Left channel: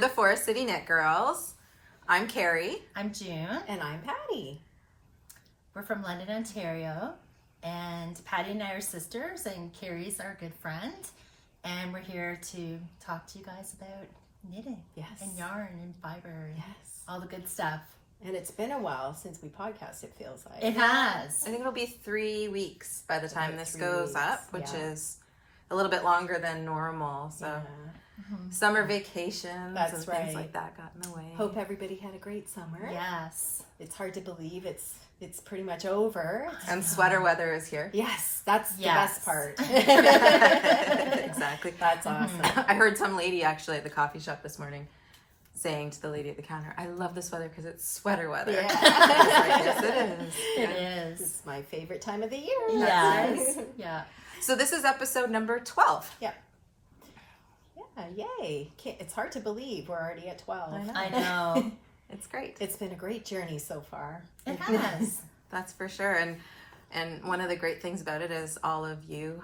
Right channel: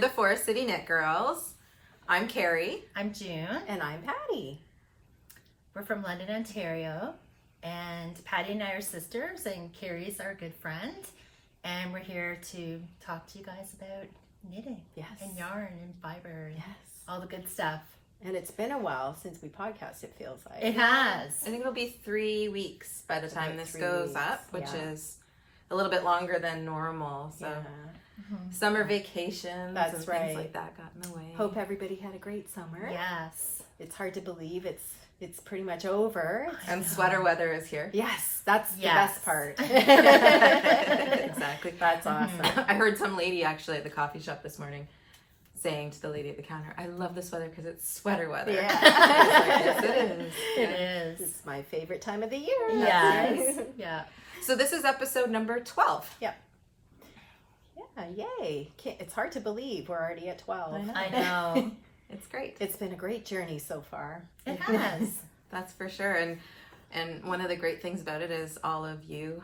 We're the Forest City Knit Girls. I'm Carrie. I'm June. And I'm Patty. We're from London, Ontario. And Patty and I are sisters, and Carrie's our good friend. And we're here to talk to you guys about knitting. Yes. And yarn and fiber. And yes. all the good stuff. And it's been a while since we podcast, it feels like. It has. I think it'll be 3 weeks by the time this goes up, which is a little bit longer than normal. So summer vacations and things like that got in the way. Hope everybody had a great summer. Yes. It's hard to believe it's pretty much over. And sweater weather is here. Yes, that's the best part. Exactly. That's awesome. I heard some lady actually at the coffee shop this morning saying to the lady at the counter, I love this weather because it's sweater weather. Yeah. I was like, yes, it is. It is. It's my favorite time of the year. Yes. Yeah. So this is episode number 12. Yep. Yeah, yay. It's hard to believe we're already at 12. I know. It's great. It's been a great journey so far. It has. That's for sure. And one of the great things about it is all of you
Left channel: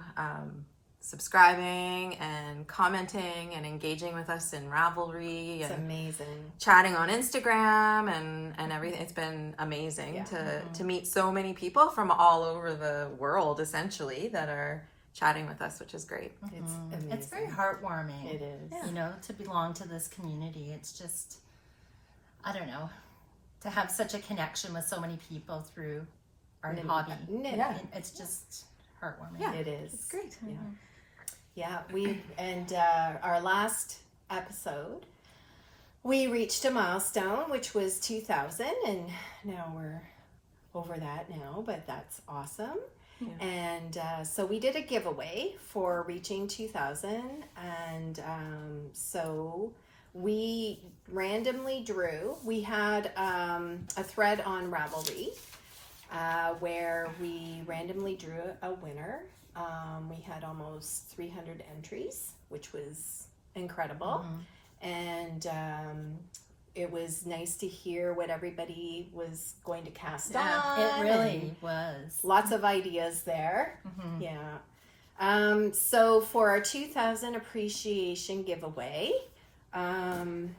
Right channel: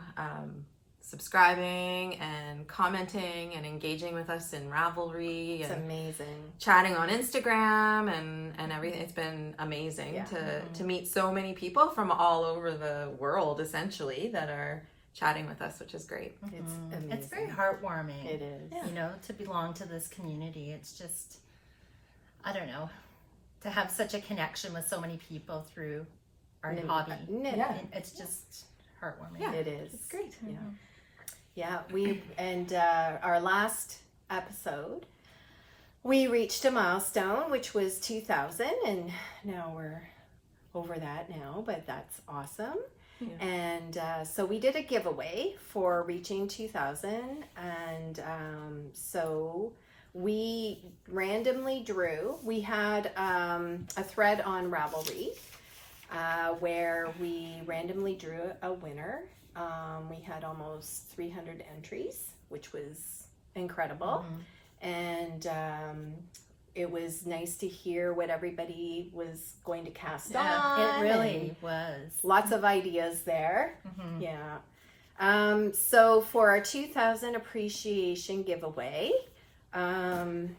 subscribing and commenting and engaging with us in Ravelry. It's and amazing. chatting on Instagram and everything. It's been amazing to meet so many people from all over the world, essentially, that are chatting with us, which is great. It's amazing. It's very heartwarming. It is. You know, to belong to this community. It's just, I don't know, to have such a connection with so many people through our hobby. Yeah. It's just heartwarming. Yeah, it is. It's great. Yeah. Yeah, our last episode, we reached a milestone, which was 2,000, and now we're over that now, but that's awesome. Yeah. And so we did a giveaway for reaching 2,000, and so we randomly drew. We had a thread on Ravelry where we randomly drew a winner. We had almost 300 entries, which was incredible. And it was nice to hear what everybody was going to cast on. It really was. Lots of ideas there. Yeah. So for our 2000 appreciation giveaway, the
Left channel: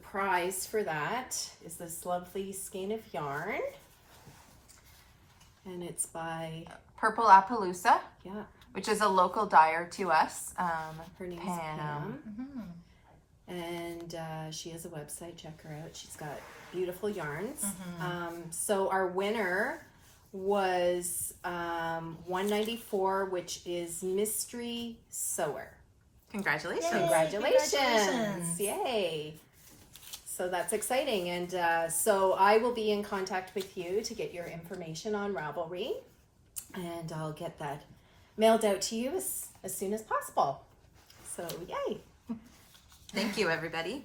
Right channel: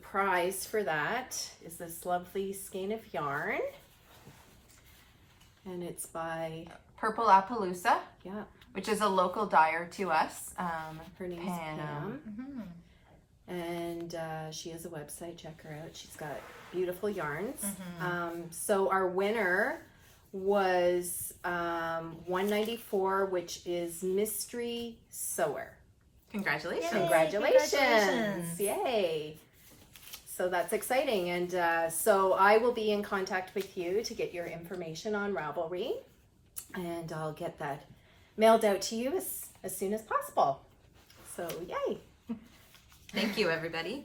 prize for that is this lovely skein of yarn. And it's by Purple Appaloosa, which is a local dyer to us. Her name's Pam. And she has a website. Check her out. She's got beautiful yarns. So our winner was $194, which is Mystery Sewer. Congratulations. Yay, Congratulations. Yay. So that's exciting. And so I will be in contact with you to get your information on Ravelry. And I'll get that mailed out to you as soon as possible. So yay. Thank you, everybody.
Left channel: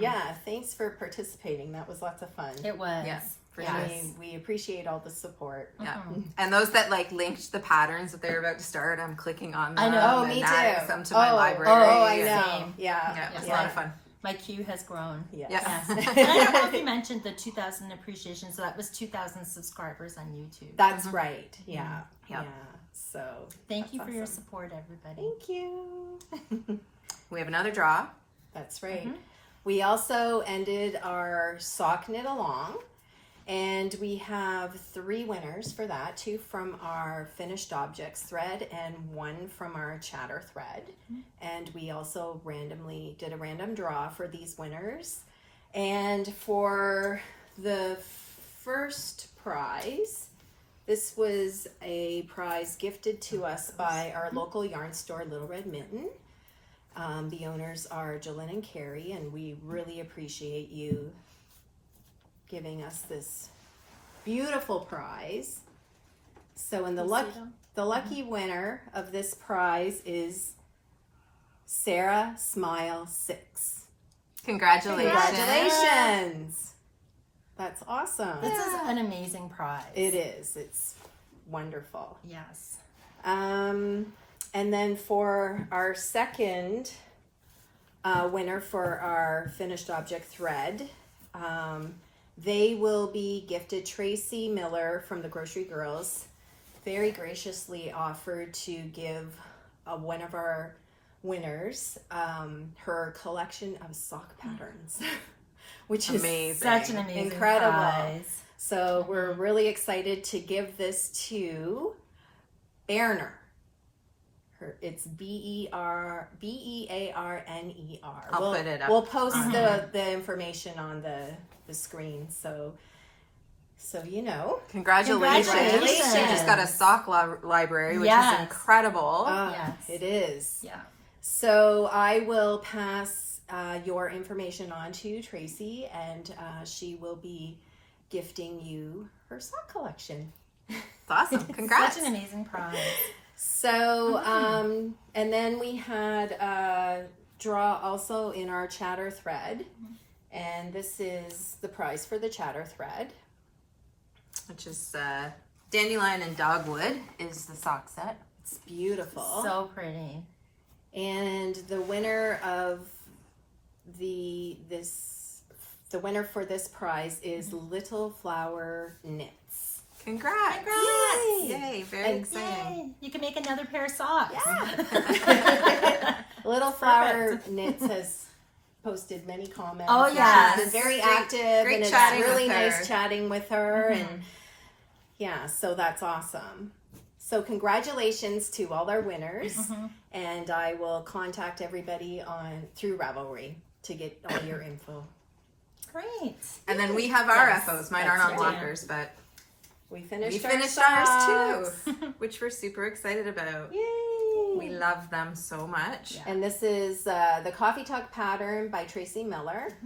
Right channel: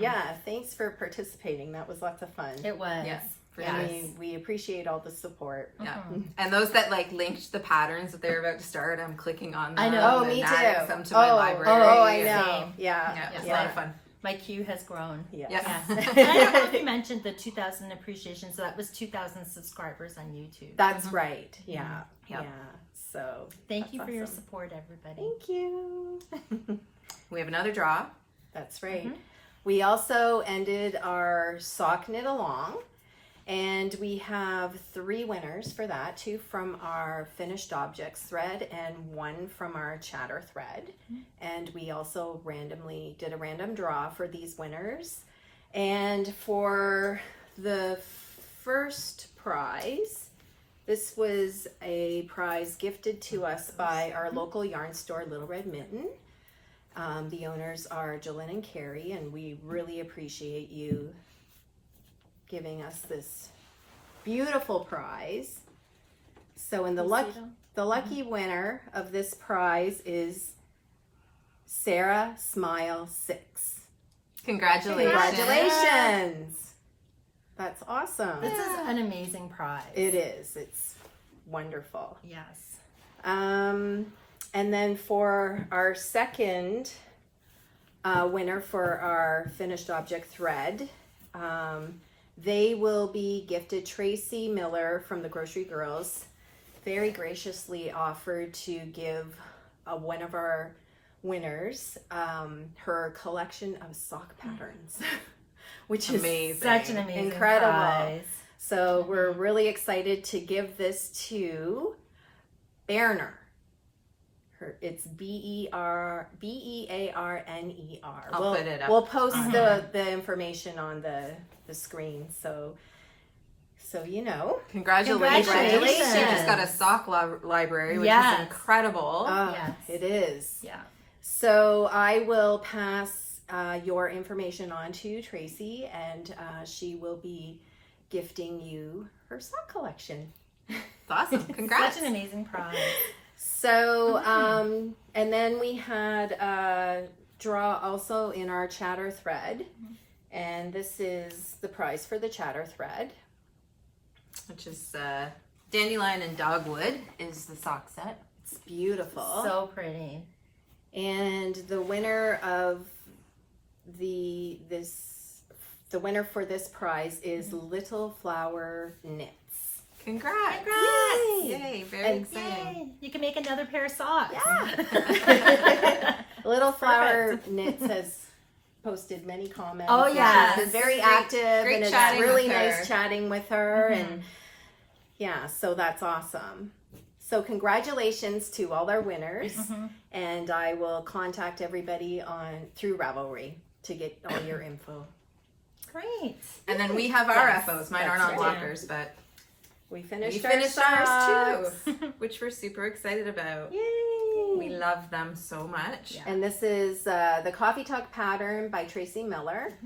Yeah, thanks for participating. That was lots of fun. It was. Yes. We appreciate all the support. Yeah. And those that linked the patterns that they're about to start, I'm clicking on them. I know. Oh, me too. Adding some to my library. Oh, I know. Same. Yeah. It's a lot of fun. My queue has grown. Yes. Yes. And I don't know if you mentioned the 2,000 appreciation, so that was 2,000 subscribers on YouTube. That's right. Yeah. Yeah. So thank you for your awesome. support, everybody. Thank you. We have another draw. That's right. We also ended our sock knit along, and we have 3 winners for that, 2 from our finished objects thread and 1 from our chatter thread. And we also did a random draw for these winners. And for the first prize, this was a prize gifted to us by our local yarn store, Little Red Mitten. The owners are Jolene and Carrie, and we really appreciate you giving us this beautiful prize. So, in the lucky winner of this prize is Sarah Smile 6. Congratulations! That's awesome. This is an amazing prize. It is. It's wonderful. Yes. And then for our second winner for our finished object thread, they will be gifted. Tracie Millar from the Grocery Girls very graciously offered to give one of our winners her collection of sock patterns, which is amazing. Such an amazing incredible prize. So we're really excited to give this to Berner. It's Bearner. I'll put it up. We'll post the information on the screen. So you know. Congratulations. Congratulations. She just got a sock library, which Yes. is incredible. Yes. It is. Yeah. So I will pass your information on to Tracie, and she will be gifting you her sock collection. Awesome. Congrats. Such an amazing prize. So, and then we had a draw also in our chatter thread, and this is the prize for the chatter thread. Which is Dandelion and Dogwood is the sock set. It's beautiful. So pretty. And the winner of the winner for this prize is Little Flower Knits. Congrats. Congrats. Yay. Very exciting. Yay. You can make another pair of socks. Yeah. Little Flower Knits has posted many comments. Oh, yeah. She's been very active, great and it's chatting really with her. nice chatting with her. And yeah, so that's awesome. So congratulations to all our winners, and I will contact everybody through Ravelry to get all your info. Great. And then we have our Yes, FOs. Mine aren't on that's right. lockers, but We finished, ours socks. too, which we're super excited about. Yay! We love them so much. Yeah. And this is the Coffee Talk pattern by Tracie Millar.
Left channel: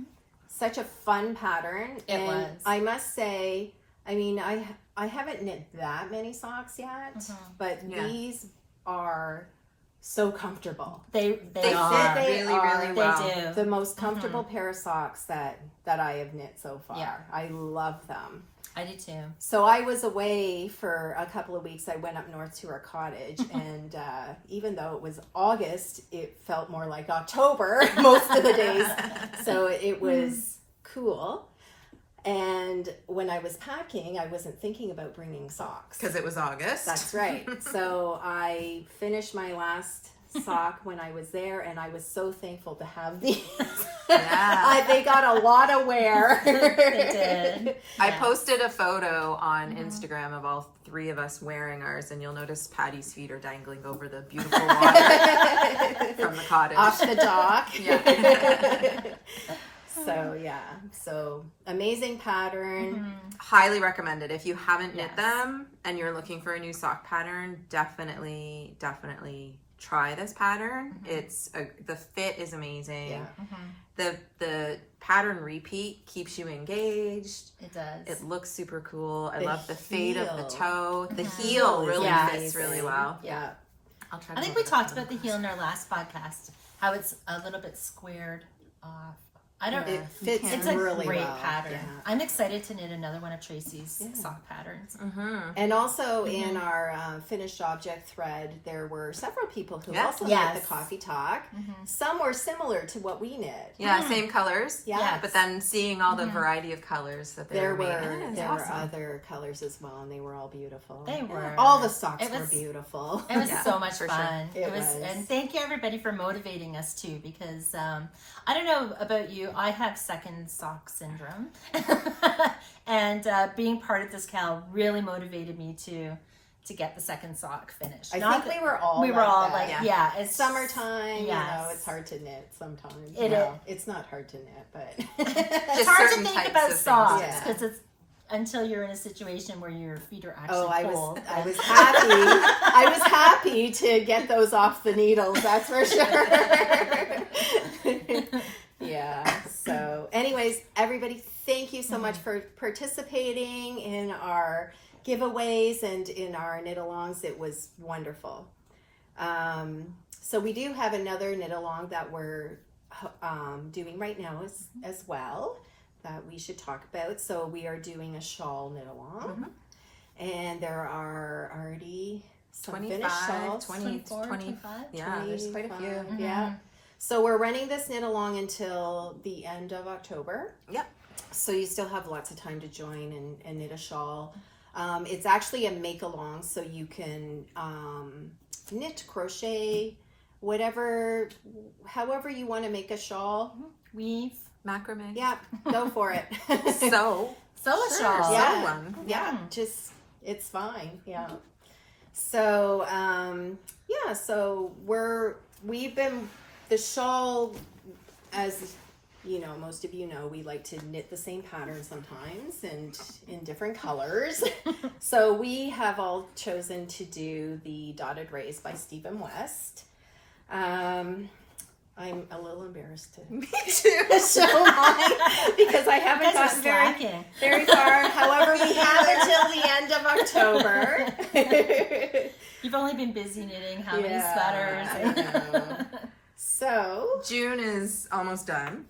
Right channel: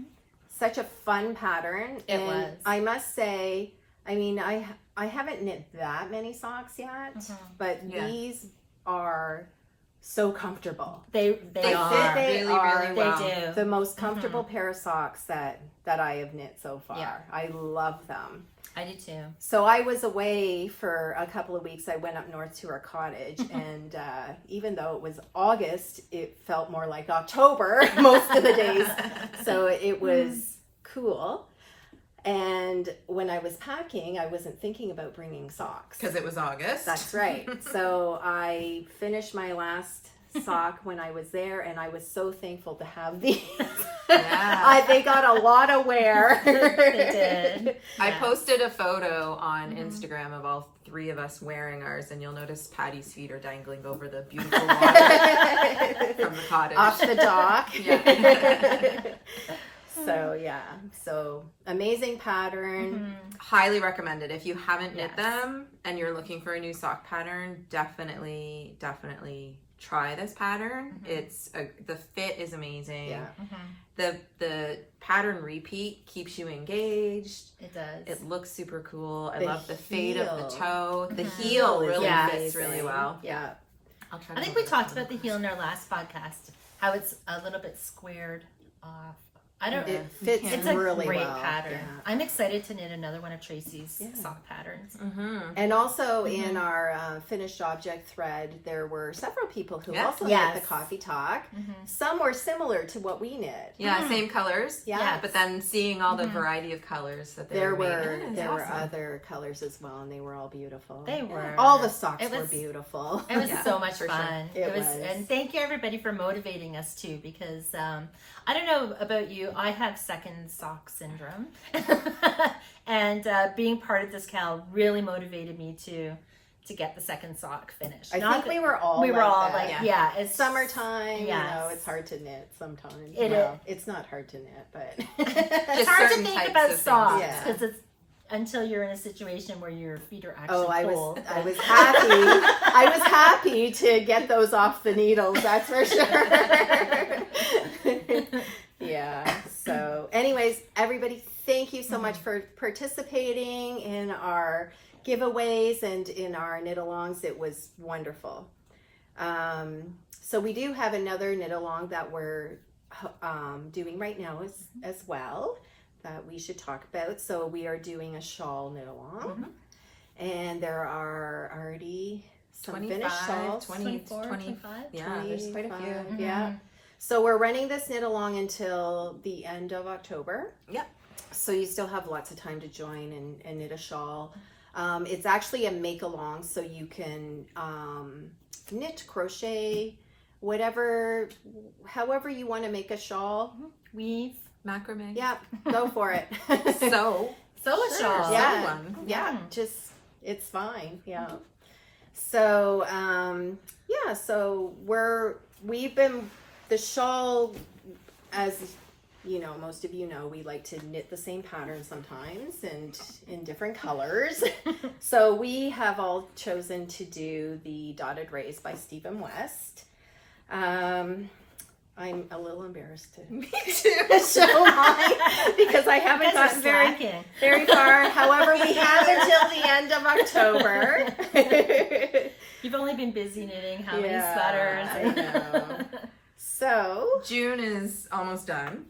Such a fun pattern. It and was. I must say, I mean, I haven't knit that many socks yet, but these are so comfortable. They They are. fit They really, are. really They well. do. The most comfortable pair of socks that I have knit so far. Yeah. I love them. I do too. So I was away for a couple of weeks. I went up north to our cottage, and even though it was August, it felt more like October most of the days. So it was cool. And when I was packing, I wasn't thinking about bringing socks. Because it was August. That's right. So I finished my last sock when I was there, and I was so thankful to have these. Yeah. They got a lot of wear. They did. I Yeah. posted a photo on Instagram of all three of us wearing ours, and you'll notice Patty's feet are dangling over the beautiful water from the cottage. Off the dock. Yeah. So amazing pattern. Highly recommended. If you haven't knit Yes. them and you're looking for a new sock pattern, definitely try this pattern. It's the fit is amazing. Yeah. The pattern repeat keeps you engaged. It does. It looks super cool. I The love the fade of heel. the toe. The heel is really Yeah. fits really amazing. well. Yeah. I'll try. I think we talked about the heel in our last podcast, how it's a little bit squared off. I don't It know. fits It's a really great well. pattern. Yeah. I'm excited to knit another one of Tracie's Yeah. sock patterns. And also in our finished object thread, there were several people who also knit Yes. the coffee talk. Some were similar to what we knit. Yeah, same colors. Yeah. Yes. But then seeing all the variety of colors that they There were were making. there were Awesome. other colors as well, and they were all beautiful. They were. All the socks It were was- beautiful. It was Yeah, so much for sure. fun. It was, was. and thank you everybody for motivating us too, because I don't know about you, I have second sock syndrome, and being part of this Cal really motivated me to get the second sock finished. I Not think that- we were all we were all that. like, yeah, it's Summertime, Yes. it's hard to knit sometimes. It Well, it's not hard to knit, but It's hard to certain think types about of things, socks yeah. because it's until you're in a situation where your feet are actually I cold. was happy. I was happy to get those off the needles. That's for sure. Yeah. So, anyways, everybody, thank you so much for participating in our giveaways and in our knit-alongs. It was wonderful. So we do have another knit-along that we're doing right now as well that we should talk about. So we are doing a shawl knit-along. And there are already some 25, finished shawls. 24, 20. 25? Yeah, there's quite a 25, few. Yeah. So we're running this knit along until the end of October. Yep. So you still have lots of time to join and knit a shawl. It's actually a make along, so you can knit, crochet however you want to make a shawl. Weave. Macrame. Yeah, go for it. Sew a shawl. Yeah. Sew one. Yeah, just, it's fine. Yeah. So, so we've been, the shawl, as you know, most of you know, we like to knit the same pattern sometimes and in different colors. So we have all chosen to do the Dotted Rays by Stephen West. I'm a little embarrassed to Me too. show mine because I haven't gotten very far. However, we have until the end of October. You've only been busy knitting how many I sweaters? know. So June is almost done.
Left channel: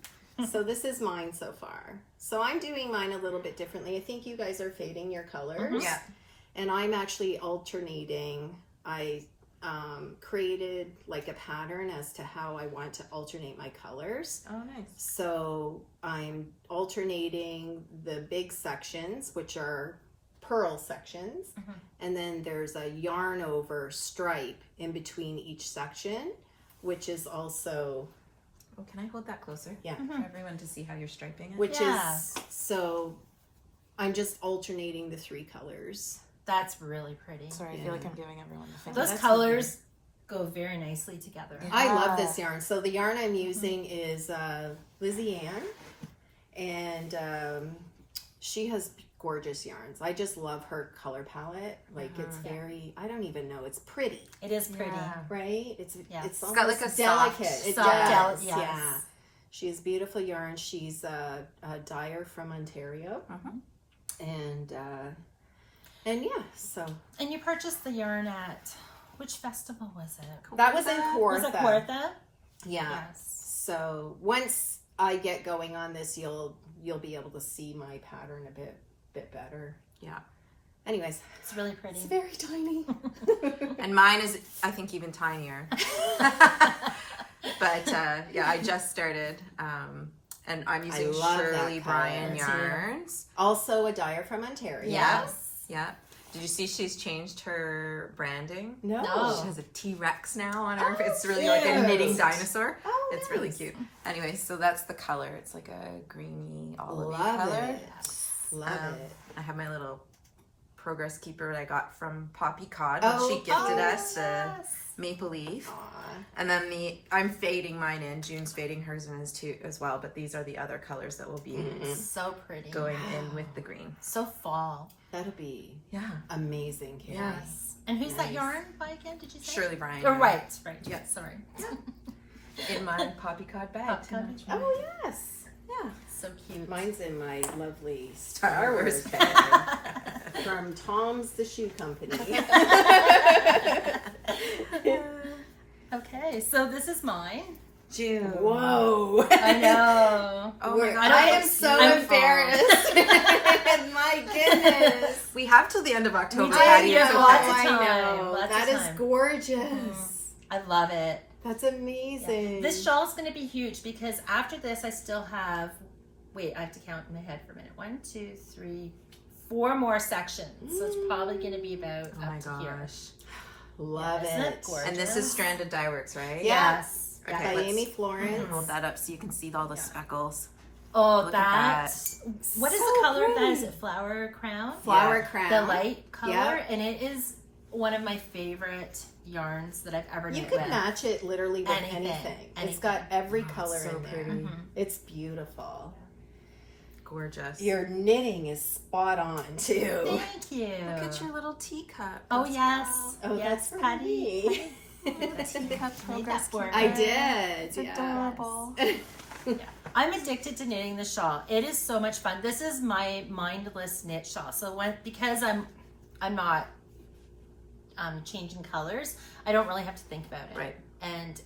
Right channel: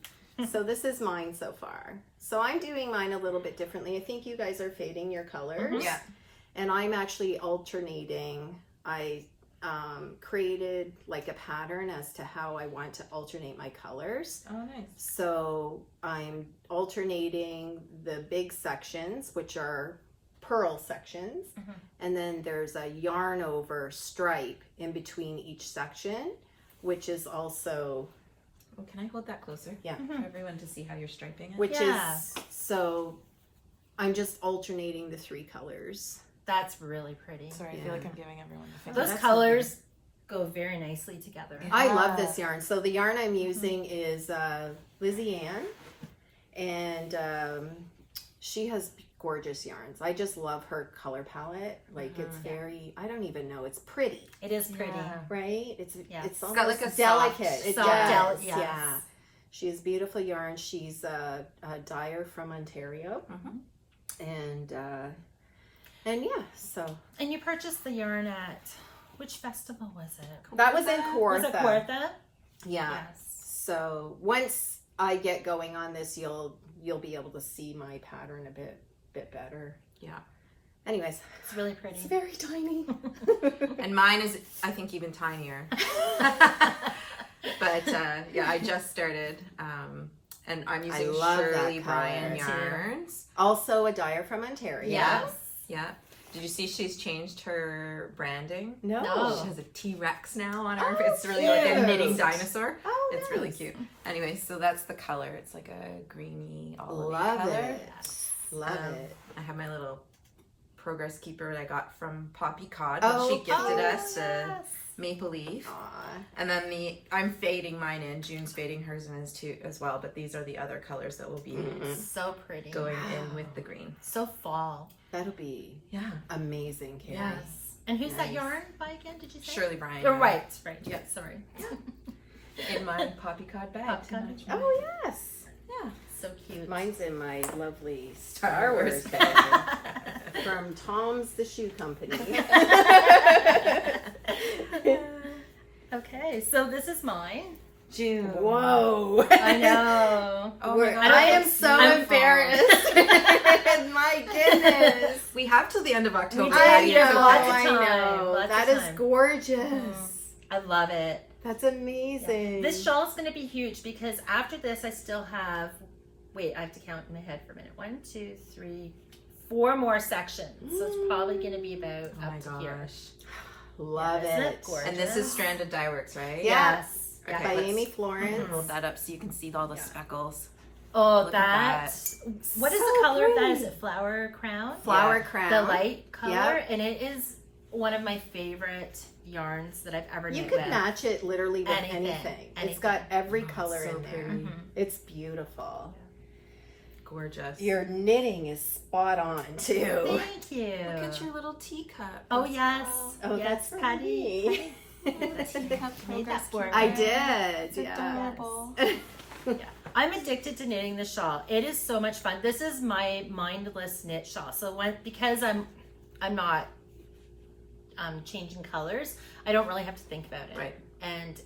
So this is mine so far. So I'm doing mine a little bit differently. I think you guys are fading your colors. Yeah. And I'm actually alternating. I created like a pattern as to how I want to alternate my colors. Oh, nice. So I'm alternating the big sections, which are purl sections. And then there's a yarn over stripe in between each section, which is also... Oh, can I hold that closer? Yeah. For everyone to see how you're striping it. Which is, so I'm just alternating the three colors. That's really pretty. Sorry, I feel like I'm giving everyone the finger. Those That's colors go very nicely together. Yeah. I love this yarn. So the yarn I'm using is Lizzie Ann, and she has gorgeous yarns. I just love her color palette. Like it's very, I don't even know, it's pretty. It is pretty. Yeah. Right? It's almost got like a delicate. soft- It soft does. yes. Yeah. She has beautiful yarn. She's a dyer from Ontario. And yeah, so. And you purchased the yarn at, which festival was it? That was in Kawartha. Was it Kawartha? Yeah. Yes. So once I get going on this, you'll be able to see my pattern a bit better. Yeah. Anyways, It's really pretty. it's very tiny. And mine is, I think, even tinier. But yeah, I just started. And I'm using love that Shirley color. Bryan Me too. yarns. Also a dyer from Ontario. Yes. Yeah. Did you see she's changed her branding? No. No. She has a T-Rex now on her. Oh, It's really like a cute. knitting dinosaur. Oh, It's really nice. cute. Anyway, so that's the color. It's like a greeny olivey Love color. it. Love it. I have my little progress keeper that I got from Poppy Cod. Oh, She gifted us a Yes. maple leaf. Aw. And then I'm fading mine in. June's fading hers in too as well. But these are the other colors that will be So pretty. going in with the green. So fall. That'll be Yeah. amazing, Carrie. Yes. And who's that Nice. yarn by again, did you say? Shirley Bryan. Oh, right. Yeah. Sorry. In my Poppy Cod bag. Poppy to Cod. match Oh, yes. Yeah. So cute. Mine's in my lovely Star Star Wars Wars bag. bag from Tom's the Shoe Company. Okay, so this is mine. June. Whoa. I know. Oh my god. I am so I'm embarrassed. My goodness. We have till the end of October. do. How do you Yeah, feel lots about of it? I time, know. lots That of is time. gorgeous. I love it. That's amazing. This shawl is going to be huge because after this I still have, I have to count in my head for a minute. 1, 2, 3, 4 more sections. So it's probably going to be about Oh my up to here. gosh. Love Isn't it. it gorgeous? And this is Stranded Dye Works, right? Yeah. Yes. Okay, By let's Amy Florence. hold that up so you can see all the speckles. Oh, Look at what is So the color of that? pretty. Is it flower crown? Flower Yeah. crown. The light color, Yeah. and it is one of my favorite yarns that I've ever You knit could with. match it literally with Anything. anything. It's Anything. got every Oh, it's color so in there. pretty. It's beautiful. Gorgeous. Your knitting is spot on too. Thank you. Look at your little teacup. Oh as yes. well. Oh, yes, that's for Patty. me. Teacup Made that for I her. did. It's yes. adorable. I'm addicted to knitting the shawl. It is so much fun. This is my mindless knit shawl. So because I'm not changing colors, I don't really have to think about it. Right. And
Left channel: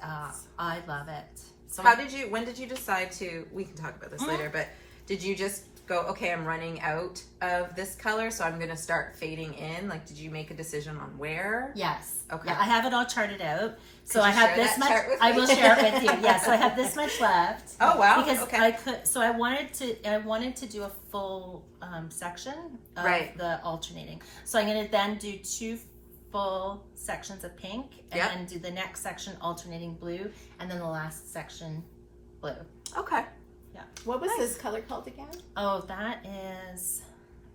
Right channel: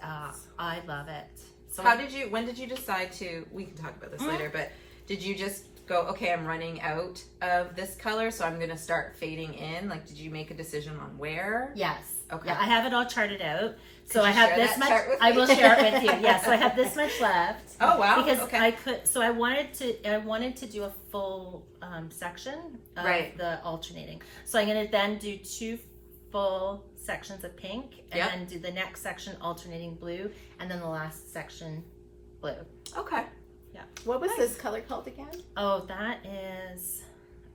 I love it. So When did you decide to, we can talk about this later, but did you just go, okay, I'm running out of this color, so I'm going to start fading in? Like, did you make a decision on where? Yes. Okay. Yeah, I have it all charted out. So Could I you have share this that much. chart with I me? will share it with you. Yeah. So I have this much left. Oh, wow. Because Okay. I could. So I wanted to do a full section of Right. the alternating. So I'm going to then do 2 full sections of pink, and Yep. then do the next section alternating blue, and then the last section blue. Okay. What was this color called again? Oh, that is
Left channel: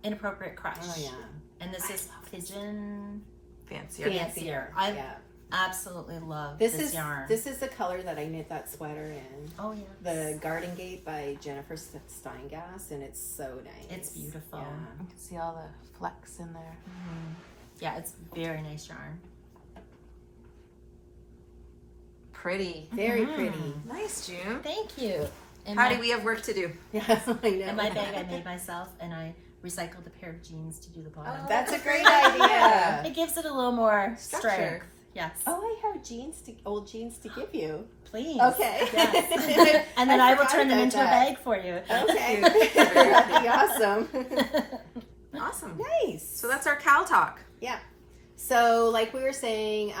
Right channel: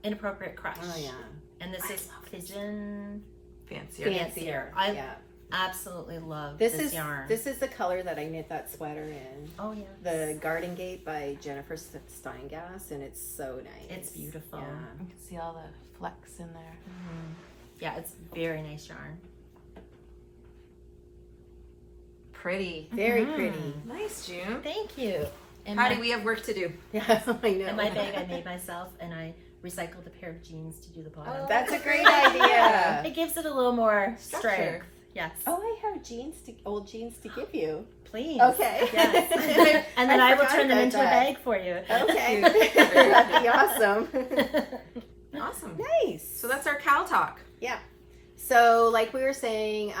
Inappropriate Crush. Oh yeah. And this is Pigeon Fancier. I Yeah. absolutely love This this is yarn. this is the color that I knit that sweater in. Oh yeah. The Garden Gate by Jennifer Steingass, and it's so nice. It's beautiful. Yeah. You can see all the flecks in there. Yeah, it's very nice yarn. Pretty. Very pretty. Nice, June. Thank you. And How my, do we have work to do? Yeah, I know. and my bag I made myself, and I recycled a pair of jeans to do the bottom. Oh, That's a great idea. It gives it a little more Structure. strength. Yes. Oh, I have old jeans to give you. Please. Okay. Yes. And then I will turn them into a bag for you. Okay. That'd be awesome. Awesome. Nice. So that's our Cal talk. Yeah. So, like we were saying,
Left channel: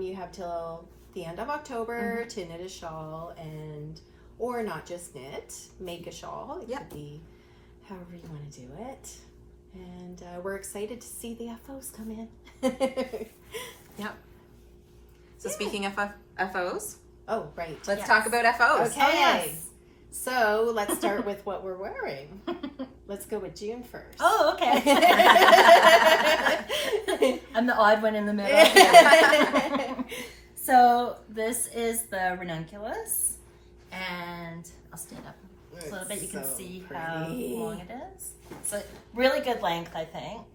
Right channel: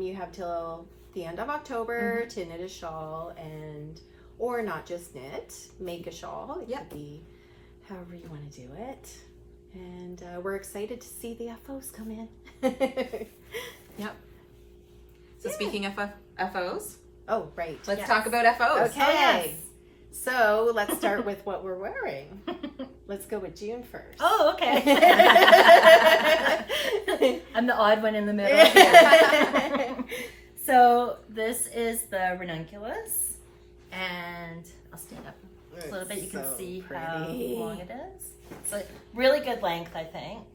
you have till the end of October to knit a shawl, or not just knit, make a shawl. It could be however you want to do it. And we're excited to see the FOs come in. Yep. So speaking of FOs, Oh, right. let's talk about FOs. Okay. Oh, yes. So, let's start with what we're wearing. Let's go with June first. Oh, okay. I'm the odd one in the middle. So this is the Ranunculus, and I'll stand up a little bit. You can so see pretty. how long it is. So really good length, I think.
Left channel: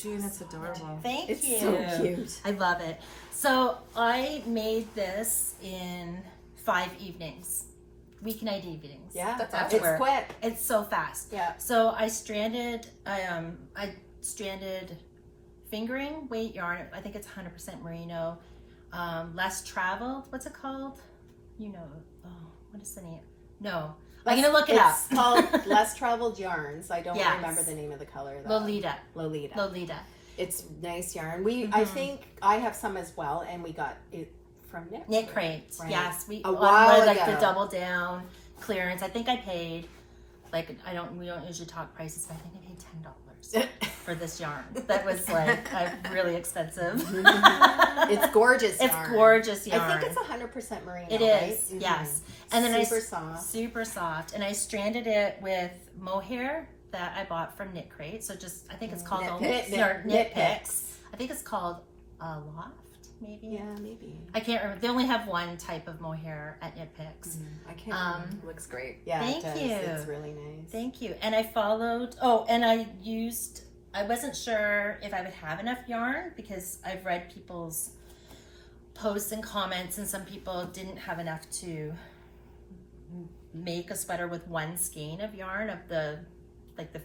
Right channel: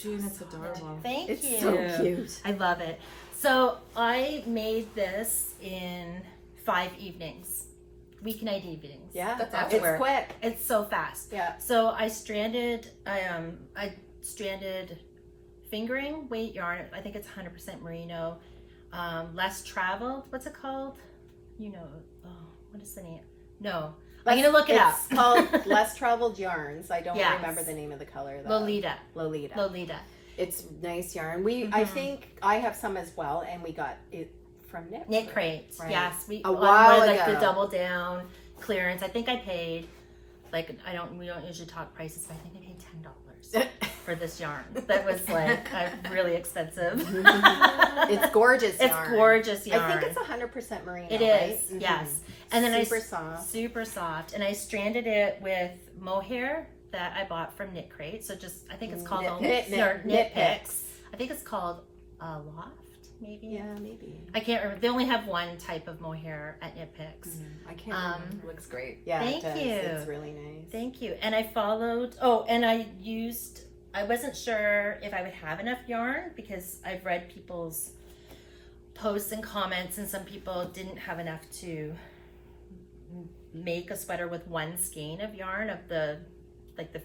June, it's adorable. Thank It's you. so cute. I love it. So I made this in 5 evenings, weeknight evenings. Yeah, That's it's awesome. quick. It's so fast. Yeah. So I stranded fingering weight yarn. I think it's 100% merino. Less traveled. What's it called? You know. Oh, what is the name? No. I'm going to look it up. It's called Less Traveled Yarns. I don't Yes. remember the name of the color though. Lolita. Lolita. It's nice yarn. I think I have some as well, and we got it from Knit. Knit Crate. Right. Yes. A while like the ago. double down clearance. I think I paid we don't usually talk prices, but I think I paid $10 for this yarn. That was like really expensive. It's gorgeous It's yarn. gorgeous yarn. I think it's 100% merino. It right? is, yes. And then super soft. Super soft. And I stranded it with mohair that I bought from Knit Crate. So I think it's called Knit Picks. I think it's called Loft, maybe. Yeah, maybe. I can't remember. They only have one type of mohair at Knit Picks. I can't remember. It looks great. Yeah, Thank it does. you. It's really nice. Thank you. And I followed. I wasn't sure if I would have enough yarn because I've read people's posts and comments, and some people didn't have enough to make a sweater with one skein of yarn of the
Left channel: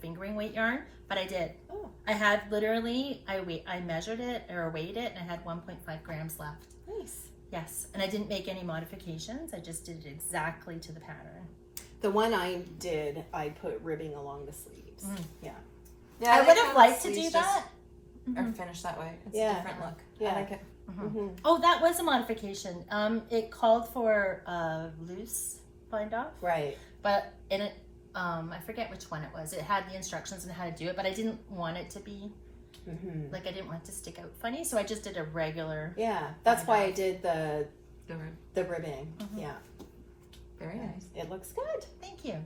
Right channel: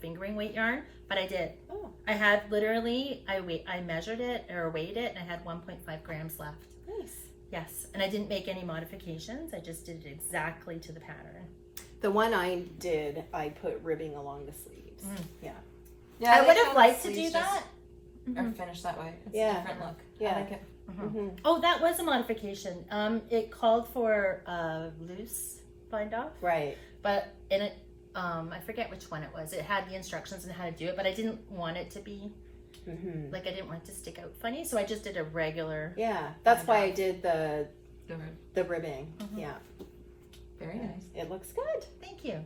fingering weight yarn, but I did. Oh. I had literally, I measured it or weighed it, and I had 1.5 grams left. Nice. Yes, and I didn't make any modifications. I just did it exactly to the pattern. The one I did, I put ribbing along the sleeves. Yeah. Yeah, I like would how have the liked to sleeves do that. Or finish that way. It's Yeah. a different look. Yeah. I like it. Oh, that was a modification. It called for loose bind off, Right. but in it, I forget which one it was. It had the instructions on how to do it, but I didn't want it to be I didn't want it to stick out funny, so I just did a regular. Yeah, that's why I did the The ribbing. Yeah, Very nice. it looks good. Thank you.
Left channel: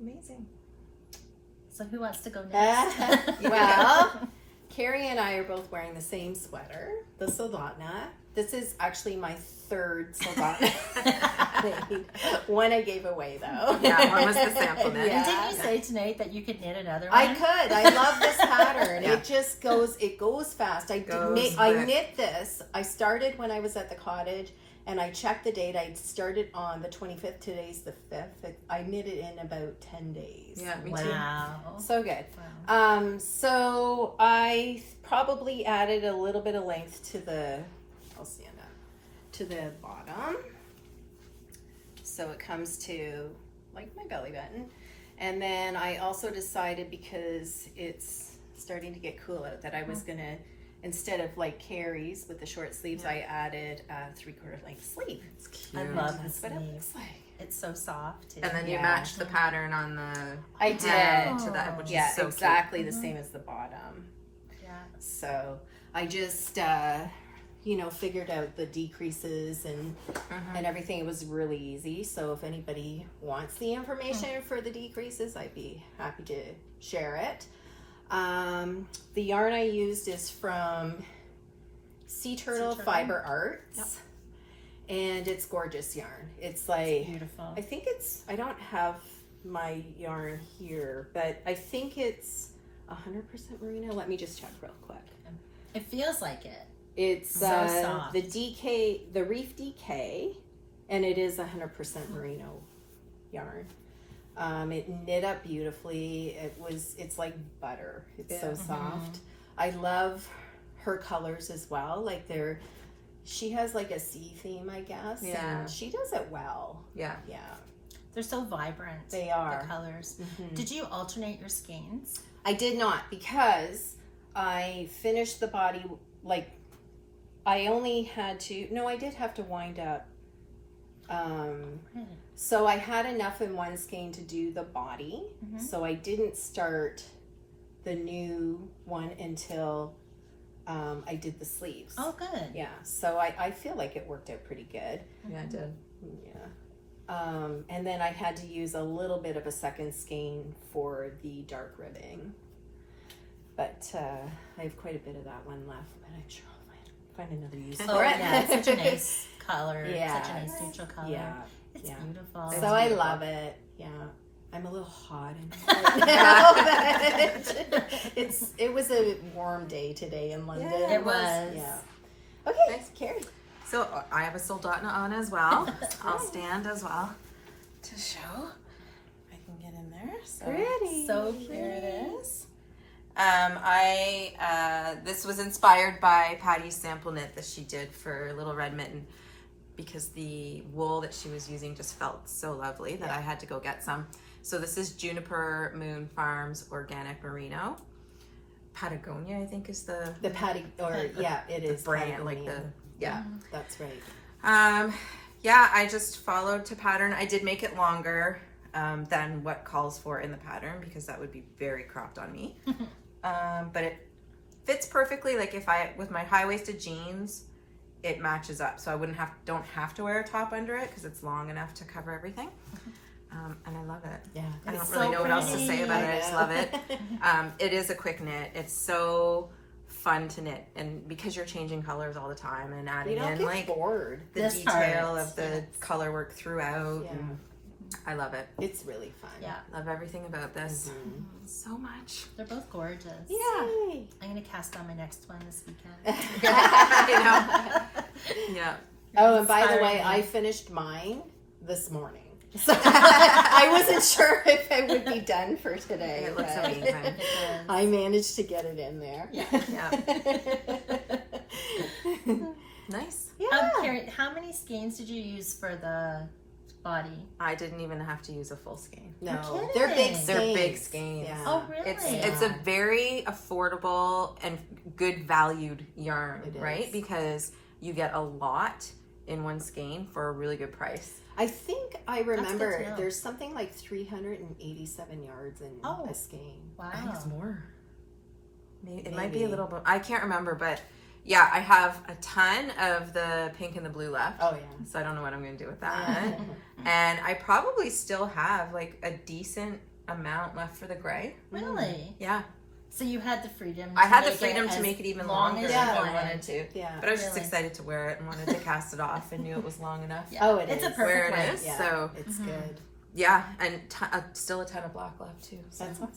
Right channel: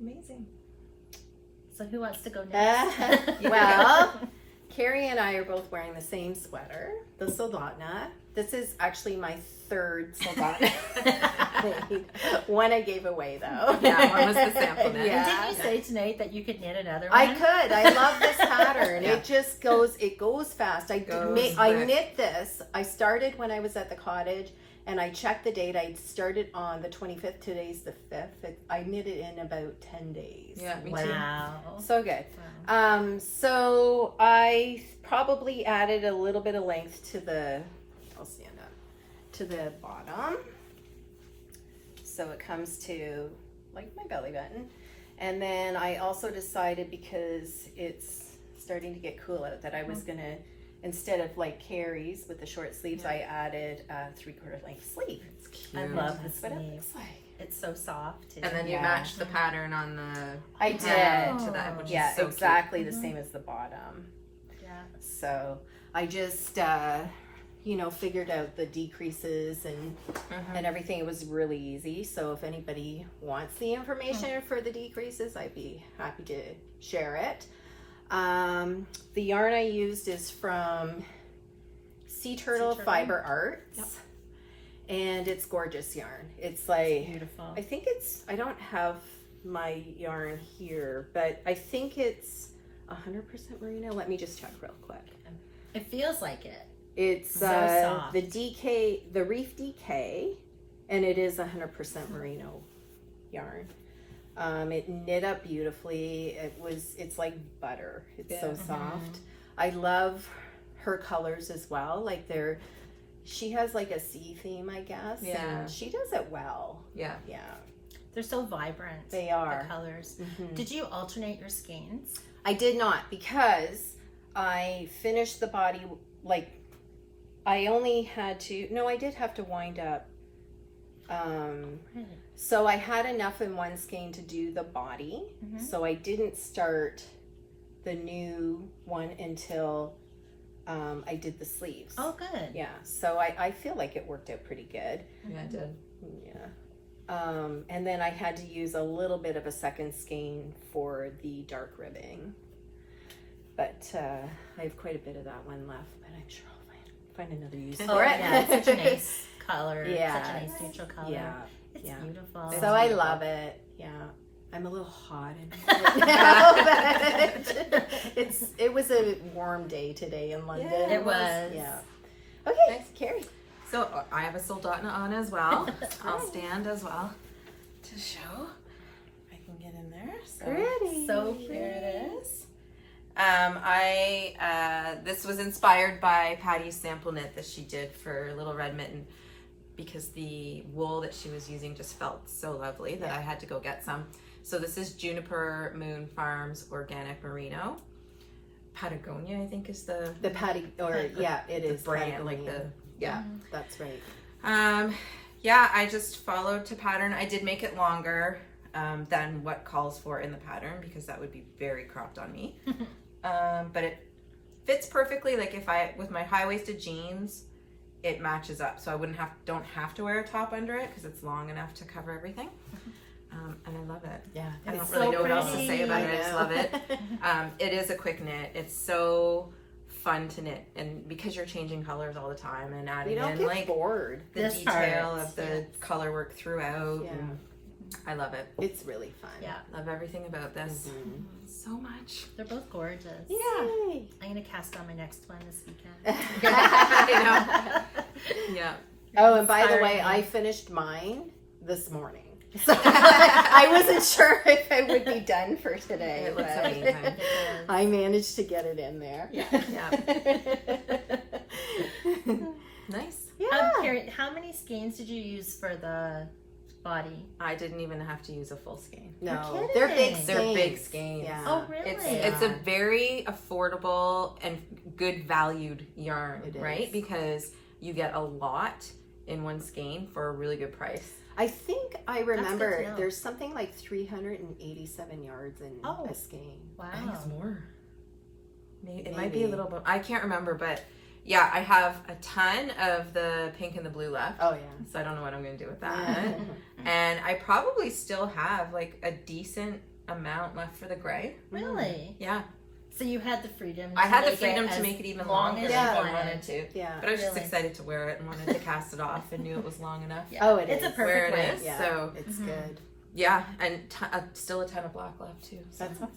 Amazing. So who wants to go next? Well, Carrie and I are both wearing the same sweater, the Soldotna. This is actually my third Soldotna. One I gave away though. Yeah, one was the sample knit. And didn't you say tonight that you could knit another one? I could. I love this pattern. Yeah. It just goes. It goes fast. I knit this. I started when I was at the cottage, and I checked the date. I started on the 25th. Today's the 5th. I knit it in about 10 days. Yeah, me too. Wow. So good. Wow. So I probably added a little bit of length to the. I'll stand up to the bottom. So it comes to like my belly button. And then I also decided, because it's starting to get cool out, that I was gonna, instead of like Carrie's with the short sleeves, I added a 3/4 length sleeve. It's cute. I love the That's what it sleeve. looks like. It's so soft too. And then you matched the pattern on the I did. head to that, which Yeah, is so exactly the same as the bottom. Yeah. So I just, figured out the decreases and everything. It was really easy. So if anybody wants the information for the decreases, I'd be happy to share it. The yarn I used is from Sea Turtle Fiber Arts. Yep. And it's gorgeous yarn. It's like, beautiful. I don't have my yarn here, but I think it's 100% merino. Let me just check real quick. It feels like it. It's so soft. the Reef DK, and it is 100% merino yarn. It knit up beautifully. It's like butter. It's so soft. I love her colors as well. Like she has like a sea theme, I guess. Yeah. And she does it well. Yeah. Yeah. They're so vibrant. They are. The colors. Mm-hmm. Did you alternate your skeins? I did not, because I finished the body, like, I only had to, no, I did have to wind up. So I had enough in one skein to do the body. So I didn't start the new one until I did the sleeves. Oh, good. Yeah. So I feel like it worked out pretty good. Yeah, it did. Yeah. And then I had to use a little bit of a second skein for the dark ribbing. But I have quite a bit of that one left, but I'm sure I'll find another use for it. Yeah, it's such a nice color. Yeah. Such a nice neutral color. Yeah. It's beautiful. So I love it. Yeah. I'm a little hot in it now, but it was a warm day today in London. Yeah, it was. Yeah. Okay, Nice. Carrie. So I have a Soldotna on as well. I'll stand as well to show. I can get in there. So Pretty. So there it is. This was inspired by Patty's sample knit that she did for Little Red Mitten, because the wool that she was using just felt so lovely that I had to go get some. So this is Juniper Moon Farms Organic Merino. Patagonia, I think, is the Patty, or it is brand, like that's right. I just followed to pattern. I did make it longer than what calls for in the pattern, because that would be very cropped on me. But it fits perfectly. Like with my high-waisted jeans, it matches up, so I don't have to wear a top under it because it's long enough to cover everything. And I love it. Yeah, I don't really know what else to say about it. I just love it. It is a quick knit. It's so fun to knit, and because you're changing colors all the time and adding in like bored. The this detail part. of the color work throughout. Yeah. And I love it. It's really fun. Yeah. Love everything about this so much. They're both gorgeous. Yeah. I'm going to cast on my next one this weekend. Yeah. Oh, and by the way, I finished mine this morning. So I wasn't sure if it would be done for today. It looks but amazing. I managed to get it in there. Yeah. Nice. Yeah. Carrie, how many skeins did you use for the body? I didn't even have to use a full skein. No, You're they're kidding. big skeins. They're big skeins. Yeah. Oh, really? It's a very affordable and good valued yarn, It is. right? Because you get a lot in one skein for a really good price. I think I remember good to know. there's something like 387 yards in a skein. Wow. I think it's more. It might Maybe. be a little bit. I can't remember, but yeah, I have a ton of the pink and the blue left. Oh, yeah. So I don't know what I'm going to do with that. And I probably still have like a decent amount left for the gray. Really? Yeah. So you had the freedom to I had the make freedom it to as make it even long longer as if you I wanted to. Yeah. But I was just Really? excited to wear it and wanted to cast it off and knew it was long enough. Yeah. Oh, it It's is. a Where perfect it length. is. Yeah, So it's good. yeah, and still a ton of black left too. So That's awesome.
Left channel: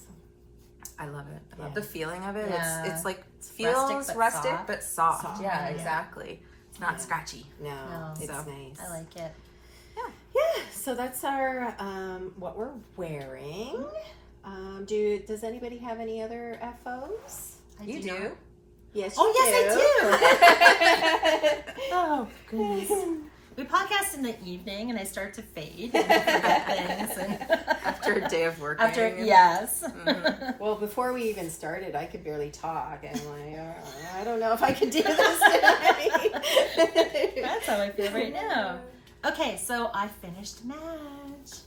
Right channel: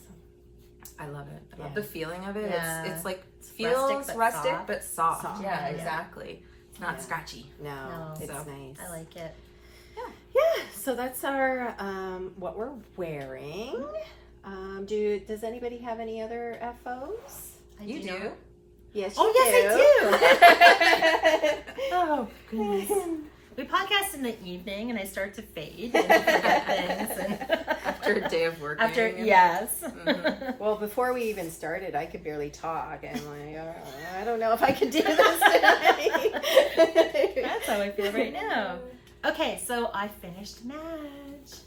I love it. I love Yeah. the feeling of it. Yeah. It's like rustic feels but rustic soft. but soft. Soft, Yeah, yeah. exactly. It's not Yeah. scratchy. No, it's So, nice. I like it. Yeah, so that's our what we're wearing. Does anybody have any other FOs? You do? not. Yes. Oh, you yes, I do. Oh goodness. We podcast in the evening, and I start to fade and forget things. And After a day of working. yes. Well, before we even started, I could barely talk. I'm like, I don't know if I can do this tonight. That's how I feel right now. Okay, so I finished Madge.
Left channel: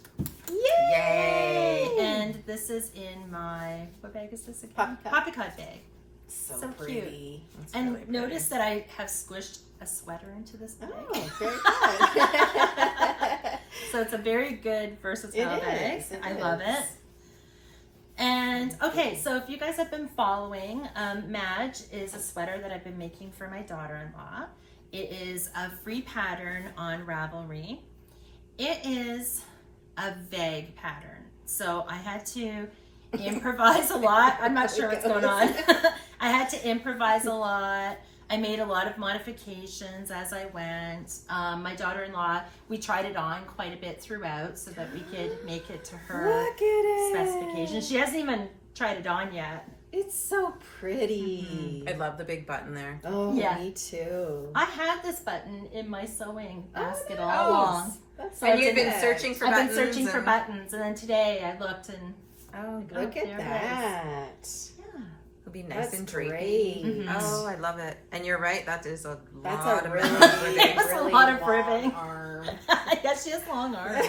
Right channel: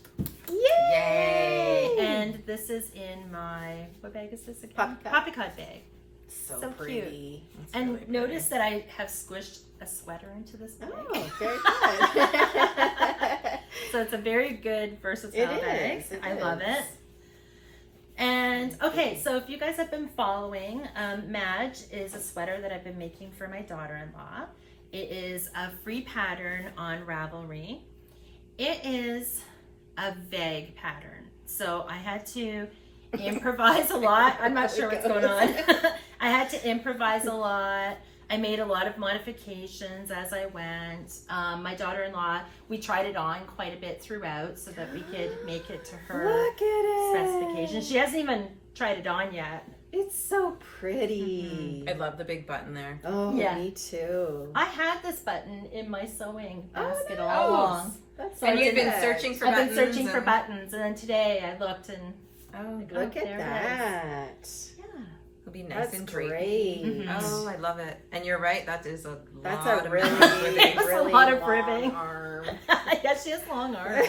Yay! And this is in my, what bag is this again? Poppycock. Poppycock bag. So pretty. It's And really notice that I have squished a sweater into this bag. Oh, very good. So it's a very good versatile bag. It I love is. it. And okay, so if you guys have been following, Madge is a sweater that I've been making for my daughter-in-law. It is a free pattern on Ravelry. It is a vague pattern, so I had to improvise a lot. I'm not sure what's going on. I had to improvise a lot. I made a lot of modifications as I went. My daughter-in-law, we tried it on quite a bit throughout so that we could make it to her Look at it. specifications. She hasn't even tried it on yet. It's so pretty. I love the big button there. Oh, Yeah. me too. I had this button in my sewing basket Oh, all nice. along. That's So And I you've been perfect. searching for I've buttons. been searching for and- buttons, and then today I looked and Oh, Look there at it that. yeah. it'll be nice That's and drapey. great. Mhm. Oh, I love it. And you're right. That is a That's lot a of really, ribbing. That's a really lot of long ribbing. arm. Yeah, she has long arms.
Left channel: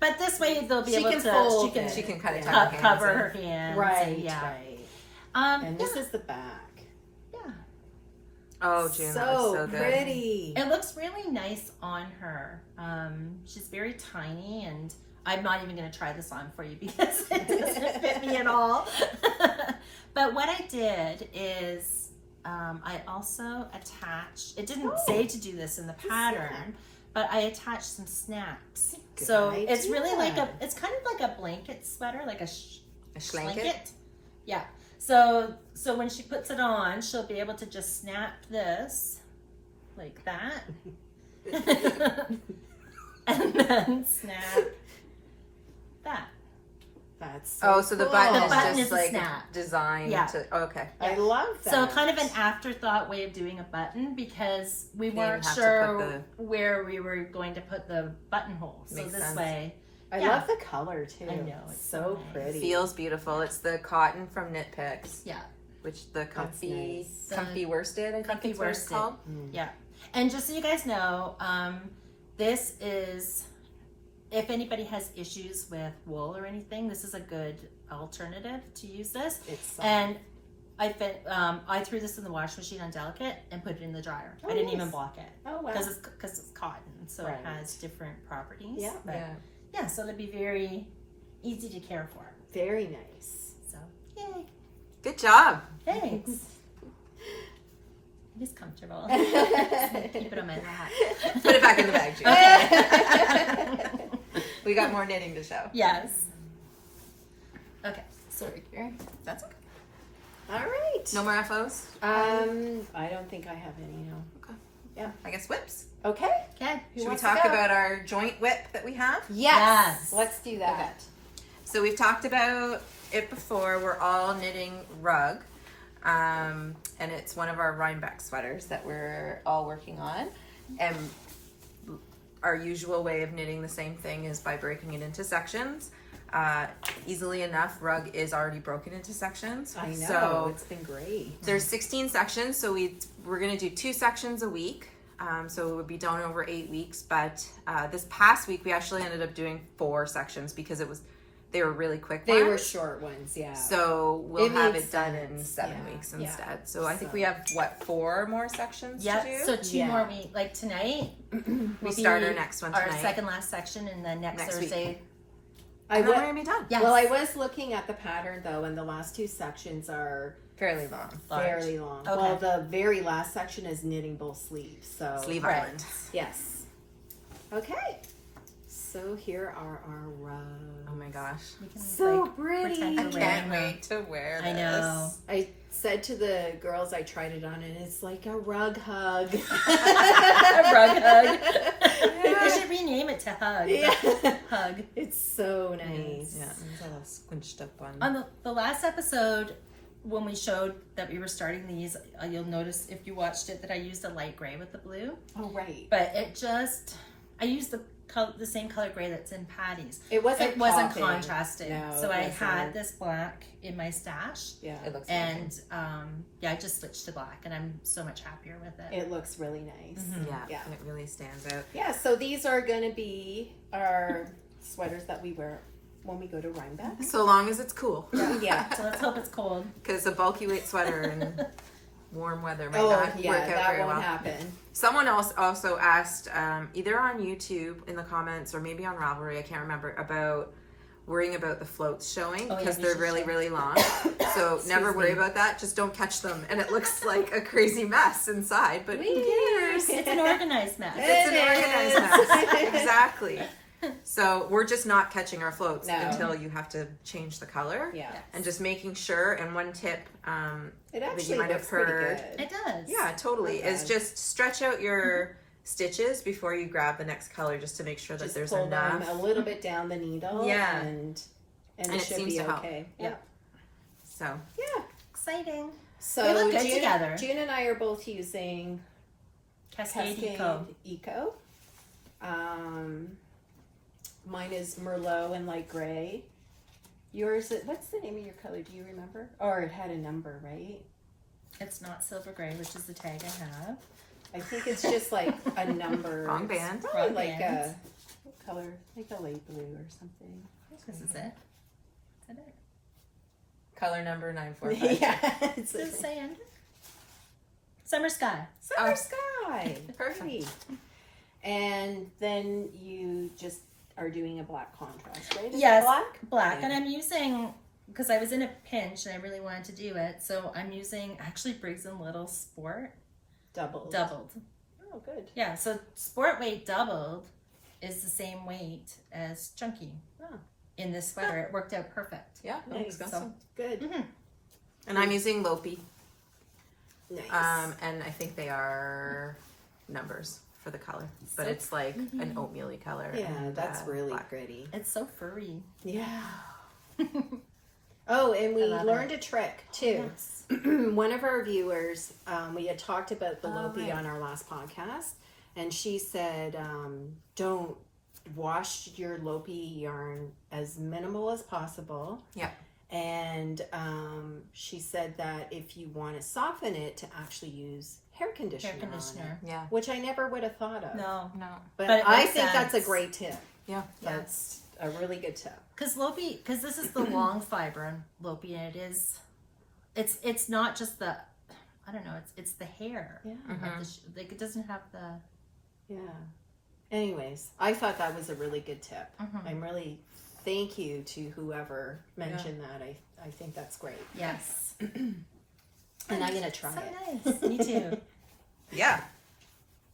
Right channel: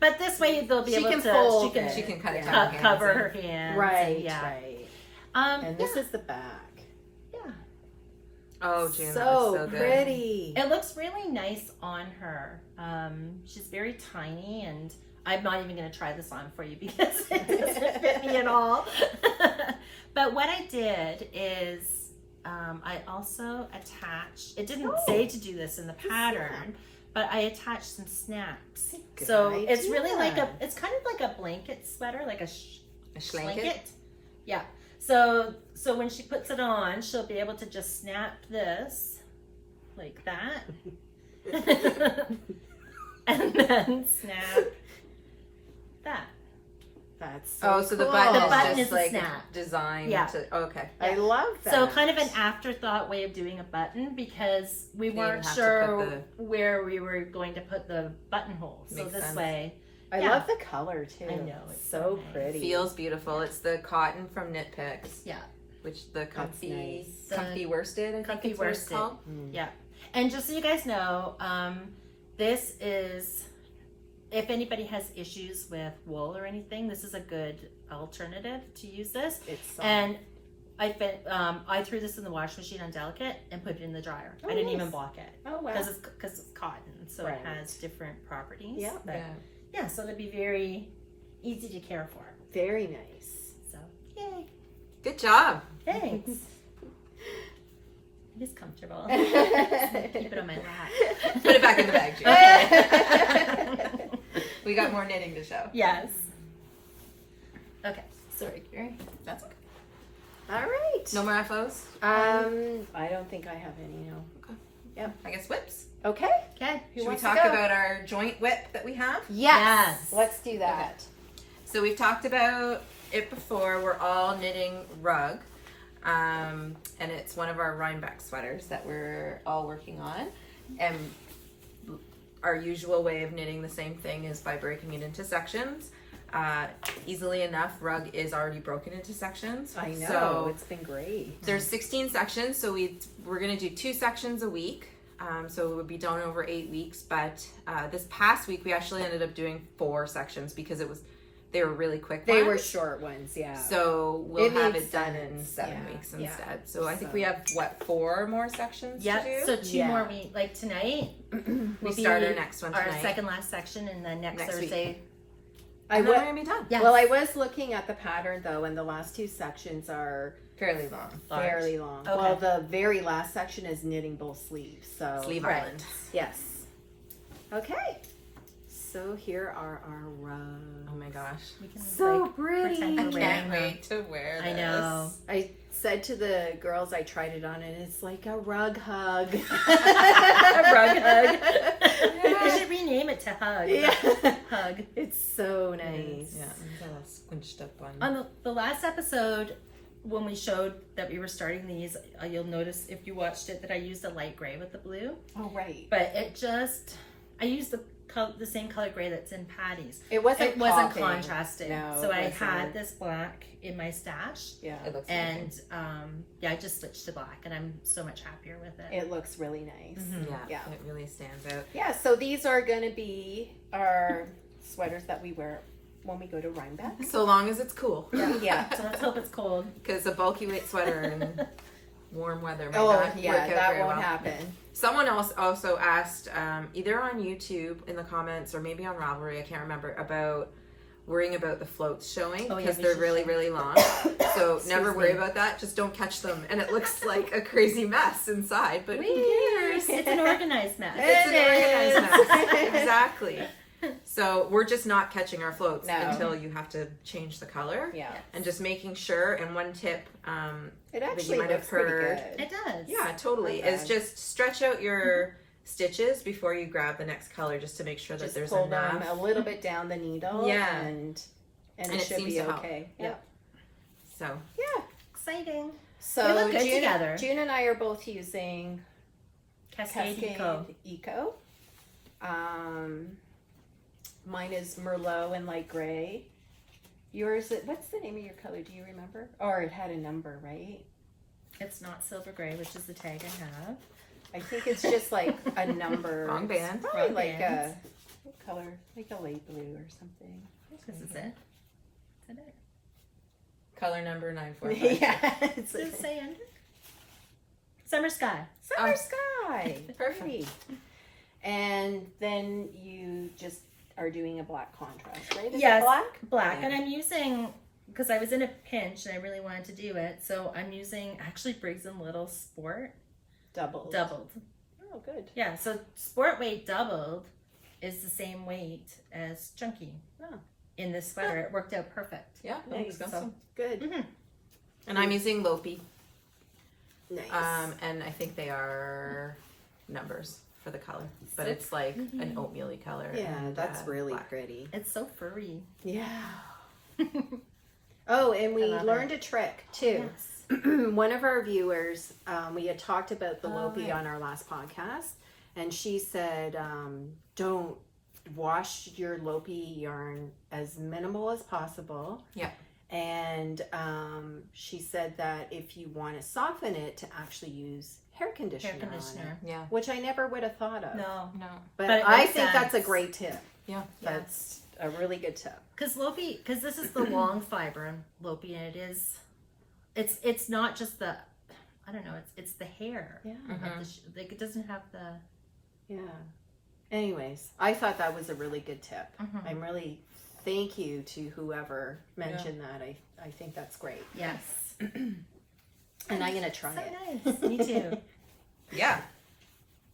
But this way they'll be She able can to fold she can it. She can kind of Yeah. tuck her hands cover in. her hands. Right, and, yeah. right. And Yeah. this is the back. Oh, June, that so was so good. pretty. It looks really nice on her. She's very tiny, and I'm not even going to try this on for you because it doesn't fit me at all. But what I did is I also attached, it didn't say to do this in the pattern, but I attached some snaps. Good So it's really like idea. it's kind of like a blanket sweater, like a A schlanket? Yeah. So when she puts it on, she'll be able to just snap this like that. And then snap that. That's Oh, so the cool. button The is button just is a like snap. designed Yeah. to. Okay. I love that. So kind of an afterthought way of doing a button because we You weren't have to sure put where we were going to put the buttonhole. So Makes this sense. way, I yeah. love the color too. I know, it's so so nice. pretty. Feels beautiful. It's the cotton from Knit Picks. Yeah. Which the comfy, nice. comfy worsted. I think Comfy it's what it's worsted. called. Yeah. And just so you guys know, this is, if anybody has issues with wool or anything, this is a good alternative to use this. It's soft. And I threw this in the washing machine on delicate and put it in the dryer. Oh, I didn't nice. even block it Oh wow. because it's cotton, so Right. it has different properties. Yeah. But yeah, so it'd be very easy to care for. Very nice. So yay! Good job. Thanks. It is comfortable. Keep it on my lap. Put it back in the bag, June. Okay. We got more knitting to show. Yes. Okay. Sorry, Karen. That's okay. All right. No more FOs? I don't think I have any. No. I guess whips. Okay. Okay. Who Should we wants to talk go? about our joint whip that we have? Yes. Yes. Let's do that. So we've talked about it before. We're all knitting rug. And it's one of our Rhinebeck sweaters that we're all working on. And our usual way of knitting the same thing is by breaking it into sections. Easily enough, rug is already broken into sections. I know. So It's been great. there's 16 sections, so we're going to do 2 sections a week. So it would be done over 8 weeks. But this past week, we actually ended up doing 4 sections because they were really quick They were ones. short ones, yeah. So we'll It have makes it done in sense. 7 Yeah. weeks Yeah. instead. So I think So- we have, 4 more sections to Yeah. do? So 2 Yeah. more weeks. Like tonight, we will start be our next one tonight. our second last section, and then next Next week. Thursday. And then wa- we're going to be done. Yes. Well, I was looking at the pattern though, and the last 2 sections are Fairly long. Large. fairly long. Okay. Well, the very last section is knitting both sleeves. So Sleeve Right. Island. yes. Okay. So here are our rugs. Oh my gosh. We can, So like, pretty. pretend I we're can't wearing them. wait to wear this. I know. I said to the girls I tried it on, and it's like a rug hug. Rug hug. We should rename it to Hug. Yeah. Hug. It's so nice. Yeah, it's all squinched up on. On the last episode, when we showed that we were starting these, you'll notice if you watched it that I used a light gray with the blue. Oh, right. But I used the same color gray that's in Patty's. It wasn't It wasn't popping. contrasting. No, so it I wasn't. had this black in my stash. Yeah. It looks And I just switched to black, and I'm so much happier with it. It looks really nice. Mhm. yeah, Yeah. it really stands out. Yeah, so these are going to be our sweaters that we wear when we go to Rhinebeck. So long as it's cool. Yeah. So let's hope it's cold. Because a bulky weight sweater in warm weather might Oh, not work yeah, out that very won't well. happen. Someone else also asked, either on YouTube in the comments or maybe on Ravelry, I can't remember, about worrying about the floats showing Oh, yeah, because we they're should really, show. really long. So never worry about that. Just don't catch them. And it looks like a crazy mess inside, but who cares? It's an organized mess. It's an It organized is. mess. Exactly. So we're just not catching our floats No. until you have to change the color. Yeah. And just making sure, and one tip It that actually you might have looks pretty heard. good. It does. Yeah, totally. Okay. Is just stretch out your stitches before you grab the next color just to make sure that Just there's pull enough. them a little bit down the needle. Yeah. And And it it should seems be to help. okay. Yep. So, Yeah. Exciting. So They look good June, together. June and I are both using Cascade, Cascade Eco. Eco. Mine is Merlot and light gray. Yours, what's the name of your color? Do you remember? Or it had a number, right? It's not silver gray, which is the tag I have. I think it's just like a number. Wrong band. It's probably Wrong like band. what color? Like a light blue or something. This is it. Is that it? color number 945. Yeah. Does it say under? Summer Sky. Summer sky. Perfect. And then you just are doing a black contrast, right? Is it Yes. black? Black. Yeah. And I'm using, because I was in a pinch and I really wanted to do it, so I'm using actually Briggs & Little Sport Doubled. Oh, good. Yeah, so Sport weight doubled is the same weight as Chunky Oh. in this sweater. It worked out perfect. Yeah, that Nice. looks awesome. Good. And I'm using Lopi. Nice. And I think they are numbers for the color, but Six. it's like an oatmeal-y color. Yeah, and, that's really black. pretty. It's so furry. Yeah. Oh, and we I love learned a trick too. Yes. One of our viewers, we had talked about the Oh, Lopi right. on our last podcast, and she said, don't wash your Lopi yarn as minimal as possible. Yeah. And she said that if you want to soften it, to actually use hair conditioner. Hair conditioner. Yeah. On it, which I never would have thought of. No. No. But But it I makes think that's a sense. great tip. Yeah. That's a really good tip. Because Lopi, because this is the long fiber in Lopi, and it's not just the, I don't know, it's the hair. Yeah. Of the like it doesn't have the. Yeah. Anyways, I thought that was a really good tip. Mhm. I'm really thank you to whoever mentioned that. I think that's great. Yes. And I'm gonna try So it. nice. Me too. Yeah.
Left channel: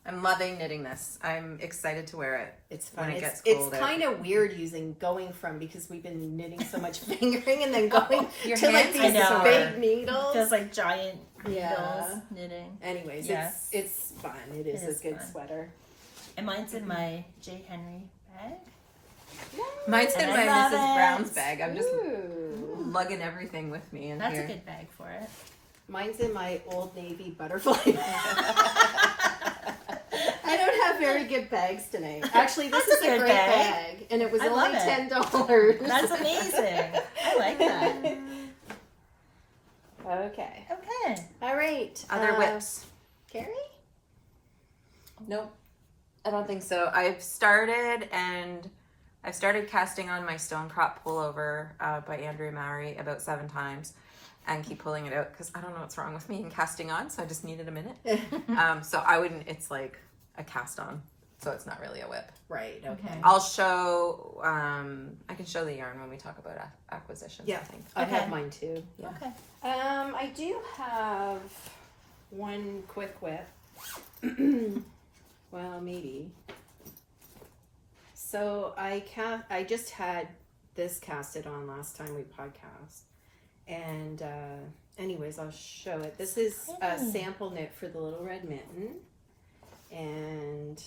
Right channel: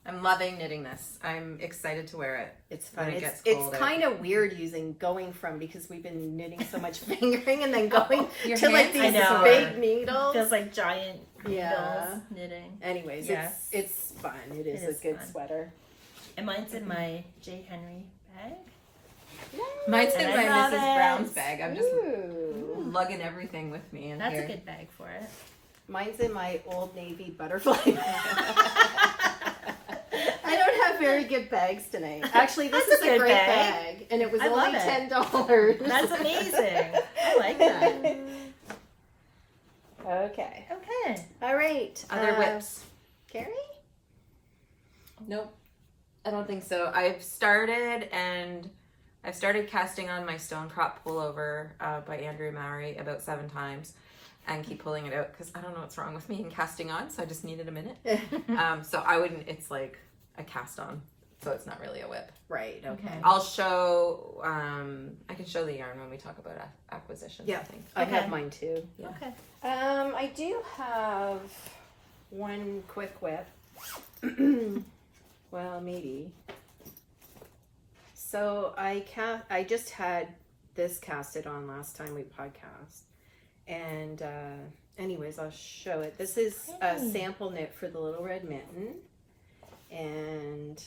I'm loving knitting this. I'm excited to wear it. It's When fun. it It's gets colder. kind of weird going from because we've been knitting so much fingering and then going Your to like hands these are sore. big needles. Feels like giant Yeah. needles knitting. Anyways, Yes. it's fun. It is is a good fun. sweater. And mine's in my J. Henry bag. Mine's in And my I love Mrs. it. Brown's bag. I'm just Ooh. lugging everything with me in That's here. a good bag for it. Mine's in my Old Navy butterfly. I don't have very good bags tonight. Actually, this That's is a a good great bag. bag, and it was I only love it. $10. That's amazing. I like that. Okay. Okay. All right. Other whips? Carrie? Nope. I don't think so. I've started casting on my Stonecrop pullover by Andrea Mowry about 7 times and keep pulling it out because I don't know what's wrong with me in casting on, so I just needed a minute. So I wouldn't, it's like a cast on, so it's not really a whip. Right. Okay. I'll show, I can show the yarn when we talk about acquisitions, Yeah. I think. I Okay. have mine too. Yeah. Okay. I do have one quick whip. Well, maybe. So I just had this casted on last time we podcast. And anyways, I'll show it. This is a Hey. sample knit for the Little Red Mitten. And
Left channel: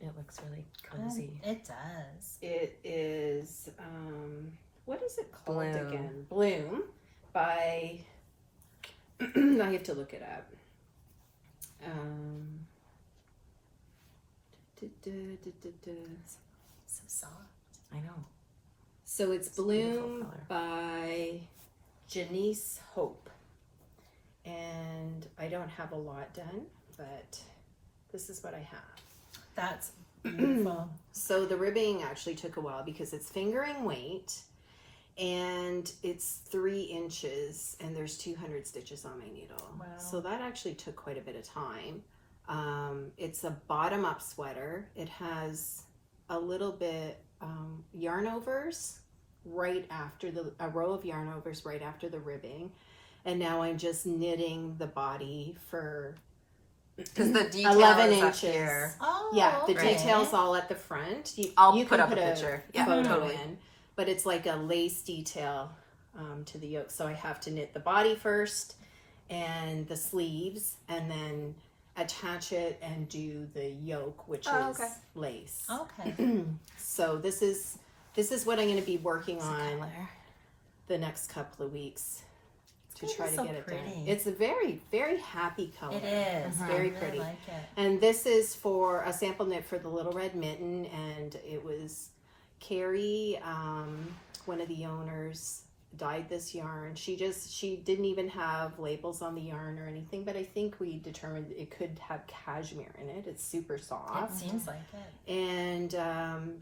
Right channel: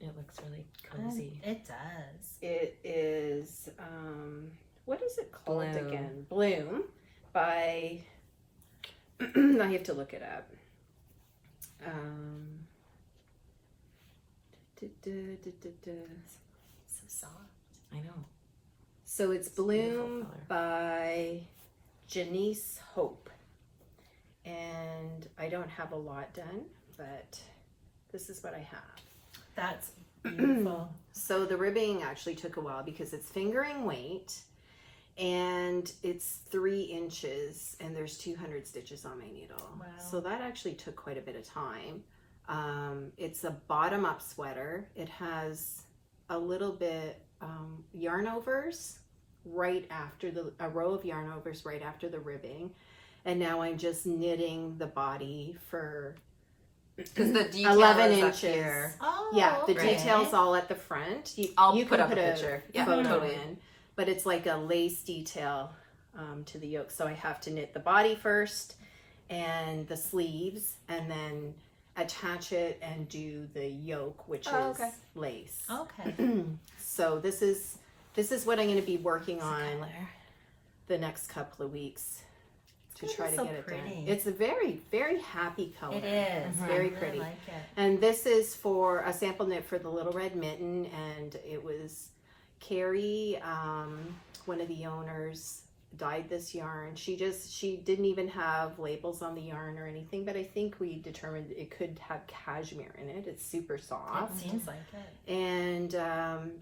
It looks really cozy. It does. it is, what is it called Bloom. again? Bloom by, I have to look it up. So soft. I know. So it's It's a beautiful Bloom color. by Jenise Hope. And I don't have a lot done, but this is what I have. That's beautiful. So the ribbing actually took a while because it's fingering weight. and it's 3 inches, and there's 200 stitches on my needle. Wow. So that actually took quite a bit of time. It's a bottom up sweater. It has a little bit yarn overs right after a row of yarn overs right after the ribbing, and now I'm just knitting the body for Because the detail 11 is up inches. here. Oh, Yeah, the okay. detail's all at the front. I'll You put can up a picture. Yeah, photo totally. in, but it's like a lace detail to the yoke. So I have to knit the body first and the sleeves, and then attach it and do the yoke, which is lace. Okay. So this is what I'm going to be working on the next couple of weeks to This try is to so get it done. pretty. It's a very, very happy color. It is. It's I very really pretty. like it. And this is for a sample knit for the Little Red Mitten, and it was Carrie, one of the owners, dyed this yarn. She didn't even have labels on the yarn or anything, but I think we determined it could have cashmere in it. It's super soft. It seems like it. And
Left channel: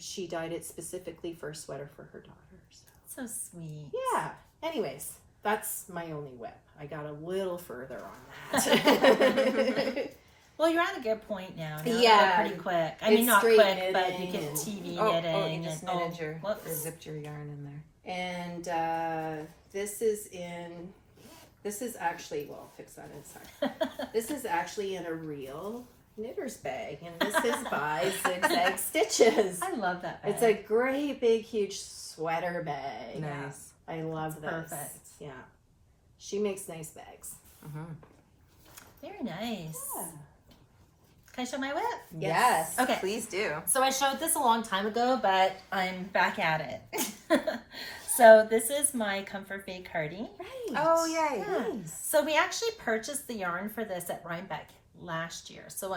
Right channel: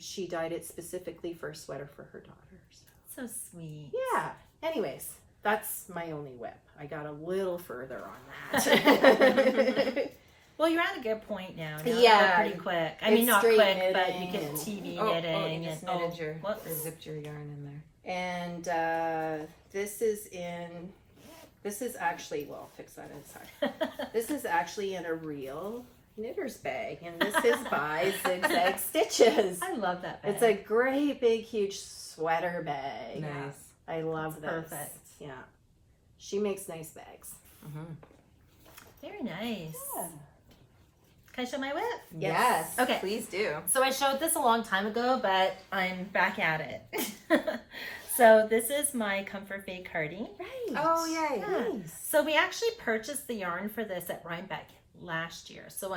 she dyed it specifically for a sweater for her daughters. So sweet. Yeah. Anyways, that's my only whip. I got a little further on that. Well, you're at a good point now. Now Yeah. Pretty quick. I It's mean, not straight quick, but you knitting can and- TV Oh, knitting. you just and, knitted your, whoops. or zipped your yarn in there. And this is actually, well, I'll fix that inside. This is actually in a real knitter's bag, and this is by Zigzag Stitches. I love that bag. It's a great, big, huge sweater bag. Nice. I love this. perfect. Yeah. She makes nice bags. Mm-hmm. Very nice. Can I show my whip? Yes. Okay. Please do. So I showed this a long time ago, but I'm back at it. So this is my Comfort Fade Cardi. Right. Oh, yay. Nice. So we actually purchased the yarn for this at Rhinebeck last year. So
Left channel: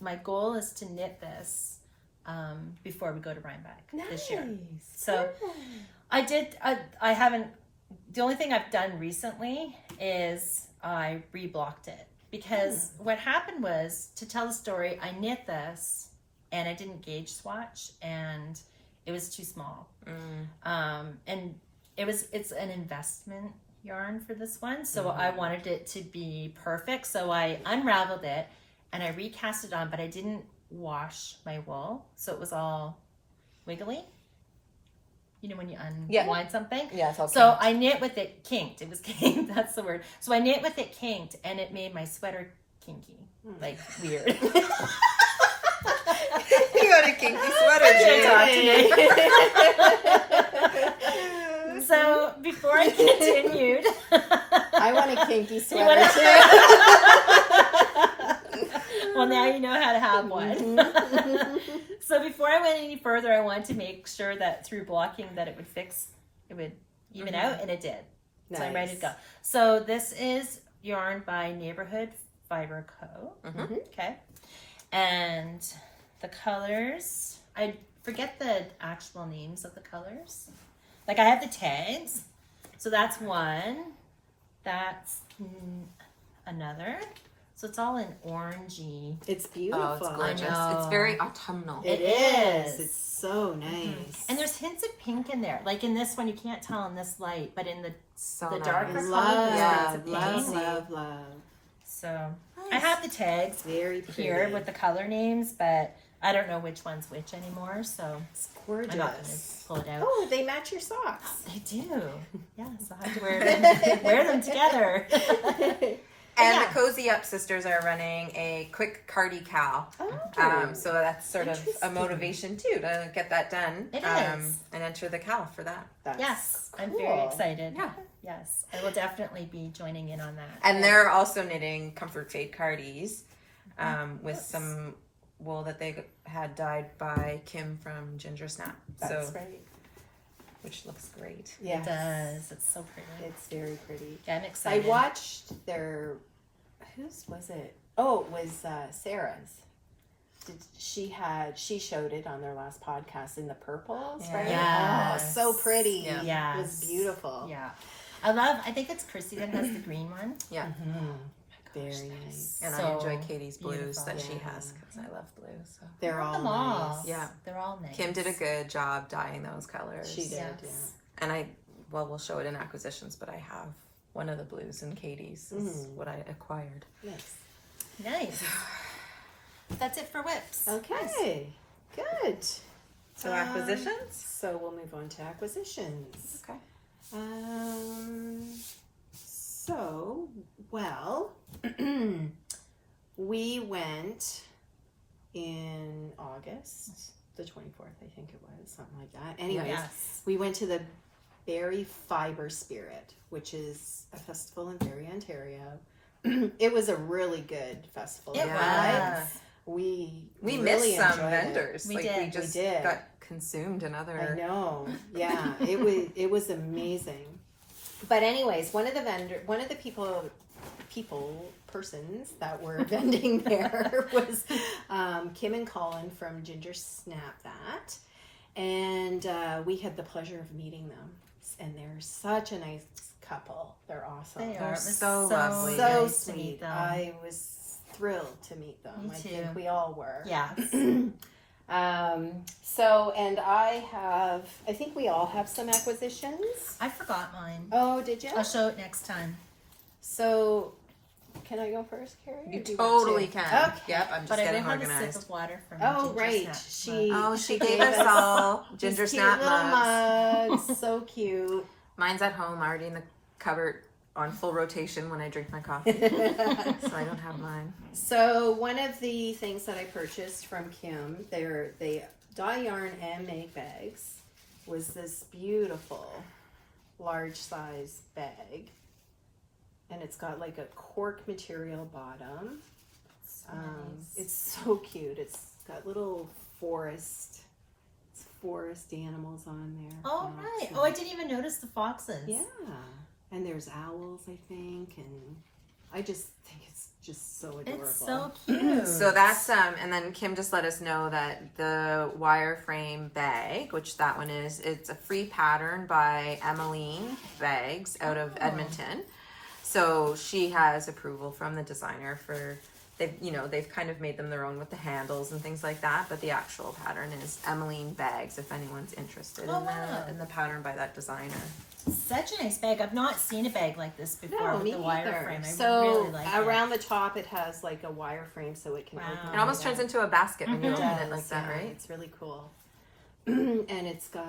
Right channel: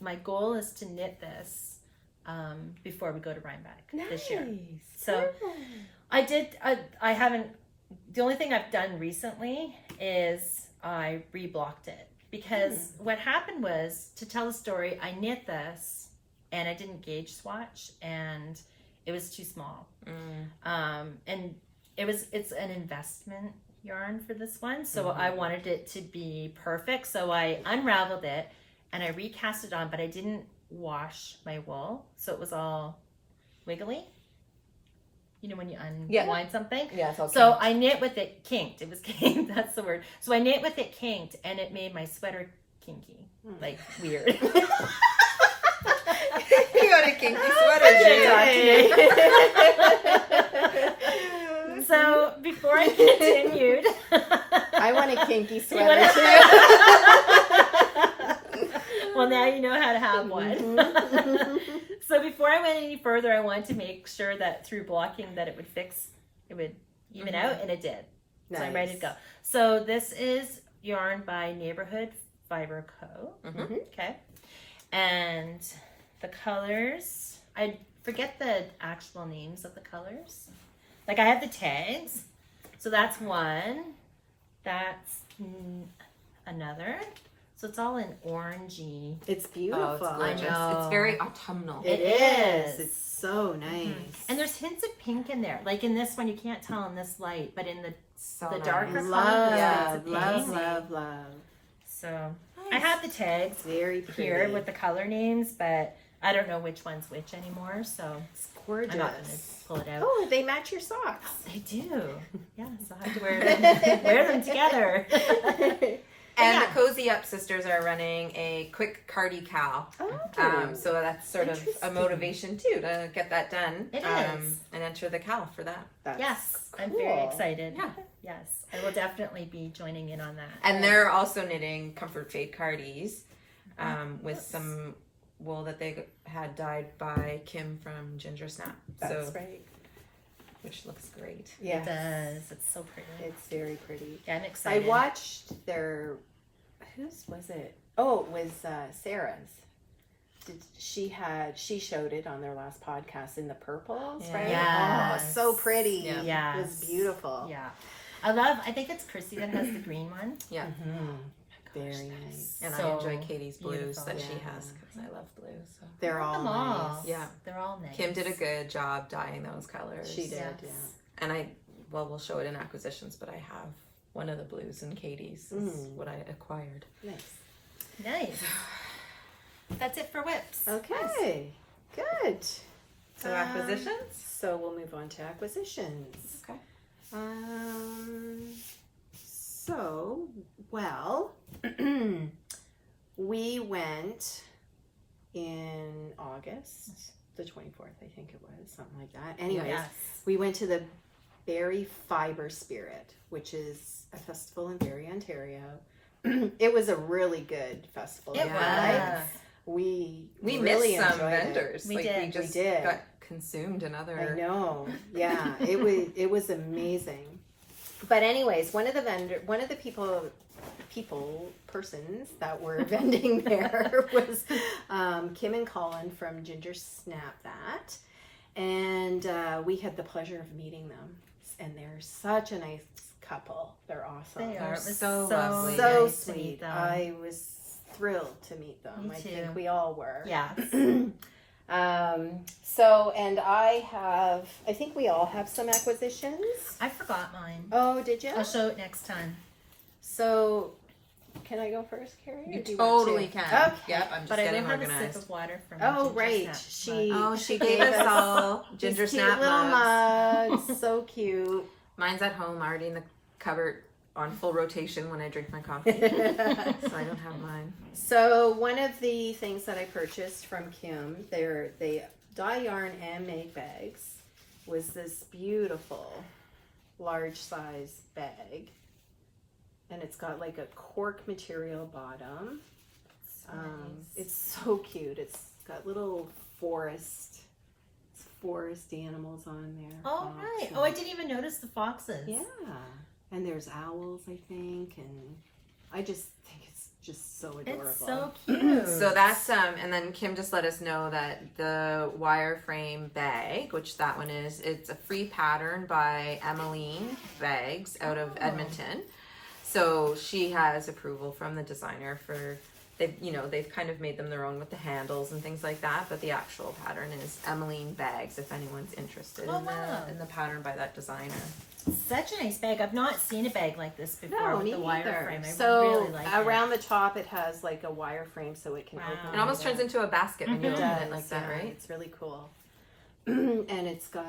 my goal is to knit this before we go to Rhinebeck this year. So I haven't, the only thing I've done recently is I reblocked it. Because what happened was, to tell the story, I knit this and I didn't gauge swatch and it was too small. And it's an investment yarn for this one. So I wanted it to be perfect. So I unraveled it and I recast it on, but I didn't wash my wool. So it was all wiggly. You know, when you unwind something? Yeah, it's all So I knit with it kinked. It was kinked. That's the word. So I knit with it kinked, and it made my sweater kinky, like weird. You got a kinky sweater, Jane. So before I continued, I want a kinky You sweater want too. well, now you know how to have one. So before I went any further, I wanted to make sure that through blocking that it would even out, and it did. So I'm ready to go. So this is yarn by Neighborhood Fiber Co. Okay. And the colors, I forget the actual names of the colors. Like I have the tags. So that's one. That's another. So it's all in orangey. It's beautiful. Oh, it's gorgeous. I know. It's very autumnal. It is. It's so nice. And there's hints of pink in there. Like in this one, you can't tell in this light, but in the nice. darker color, Love, there's hints of love, pink. love. So I have the tags Very pretty. here with the color names, but I don't know which one's which anymore. So It's gorgeous. I'm not going to pull it out. Oh, they match your socks. They do. Yes, I'll have to wear them together. And Yeah. the Cozy Up sisters are running a quick Cardi cowl. Oh. So that's sort of a Interesting. motivation too to get that done. It is. And enter the cowl for that. That's Yes, I'm cool. very excited. Yeah. Yes, I will definitely be joining in on that. And they're also knitting Comfort Fade Cardis with some wool that they had dyed by Kim from Ginger Snap. That's so, right. which looks great. Yes. It does. It's so pretty. It's very pretty. Yeah, I'm I excited. watched their, whose was it? Oh, it was Sarah's. She showed it on their last podcast in the purples, right? Yes. Oh, so pretty. Yeah. It was beautiful. Yeah. I think it's Chrissy that has the green one. Yeah. Very nice. And So I enjoy Katie's blues beautiful. that she Yeah. has because I love blue. So They're all Them all. nice. Yeah. They're all nice. Kim did a good job dyeing those colors. She did, Yes. yeah. And I we'll show it in acquisitions, but I have one of the blues in Katie's is what I acquired. Nice. That's it for whips. Okay, good. So acquisitions? So we'll move on to acquisitions. Okay. So, well, we went in August, the 24th, I think it was, something like that. Anyways, we went to the Berry Fiber Spirit, which is a festival in Barrie, Ontario. It was a really good festival. It was. We really missed some vendors. We like did. we just We did. got consumed in other. I know. Yeah, it was amazing. But anyways, one of the persons that were vending there was Kim and Colin from Ginger Snap That, and we had the pleasure of meeting them. And they're such a nice couple. They're awesome. They are. They're so lovely. So nice to meet sweet. them. I was thrilled to meet them. Me I too. think we all were. Yes. So, and I think we all have some acquisitions. I forgot mine. Oh, did you? I'll show it next time. So, can I go first, Carrie? You or do totally want to? can. Okay. Yep, I'm just But I getting didn't have a organized. sip of water from Oh, Ginger right. Snap. She gave us all Ginger These cute Snap little mugs. mugs. So cute. Mine's at home, already in the cupboard on full rotation when I drink my coffee. So I don't have mine. So one of the things that I purchased from Kim, they dye yarn and make bags, was this beautiful large size bag, and it's got like a cork material bottom. So nice. It's so cute. It's got little forest animals on there. Oh, Fox right. and- Oh, I didn't even notice the foxes. Yeah, and there's owls, I think, and I just think it's just so adorable. It's so cute. So that's and then Kim just let us know that the wireframe bag, which that one is, it's a free pattern by Emmeline Bags out of Edmonton. So she has approval from the designer for they've kind of made them their own with the handles and things like that, but the actual pattern is Emmeline Bags if anyone's interested in the pattern by that designer. Such a nice bag. I've not seen a bag like this before with me the neither. wireframe. I So really like around the top, it has like a wireframe, so it can Wow. open. It almost turns into a basket when you It open does, it like that, yeah. right? It's really cool. And it's got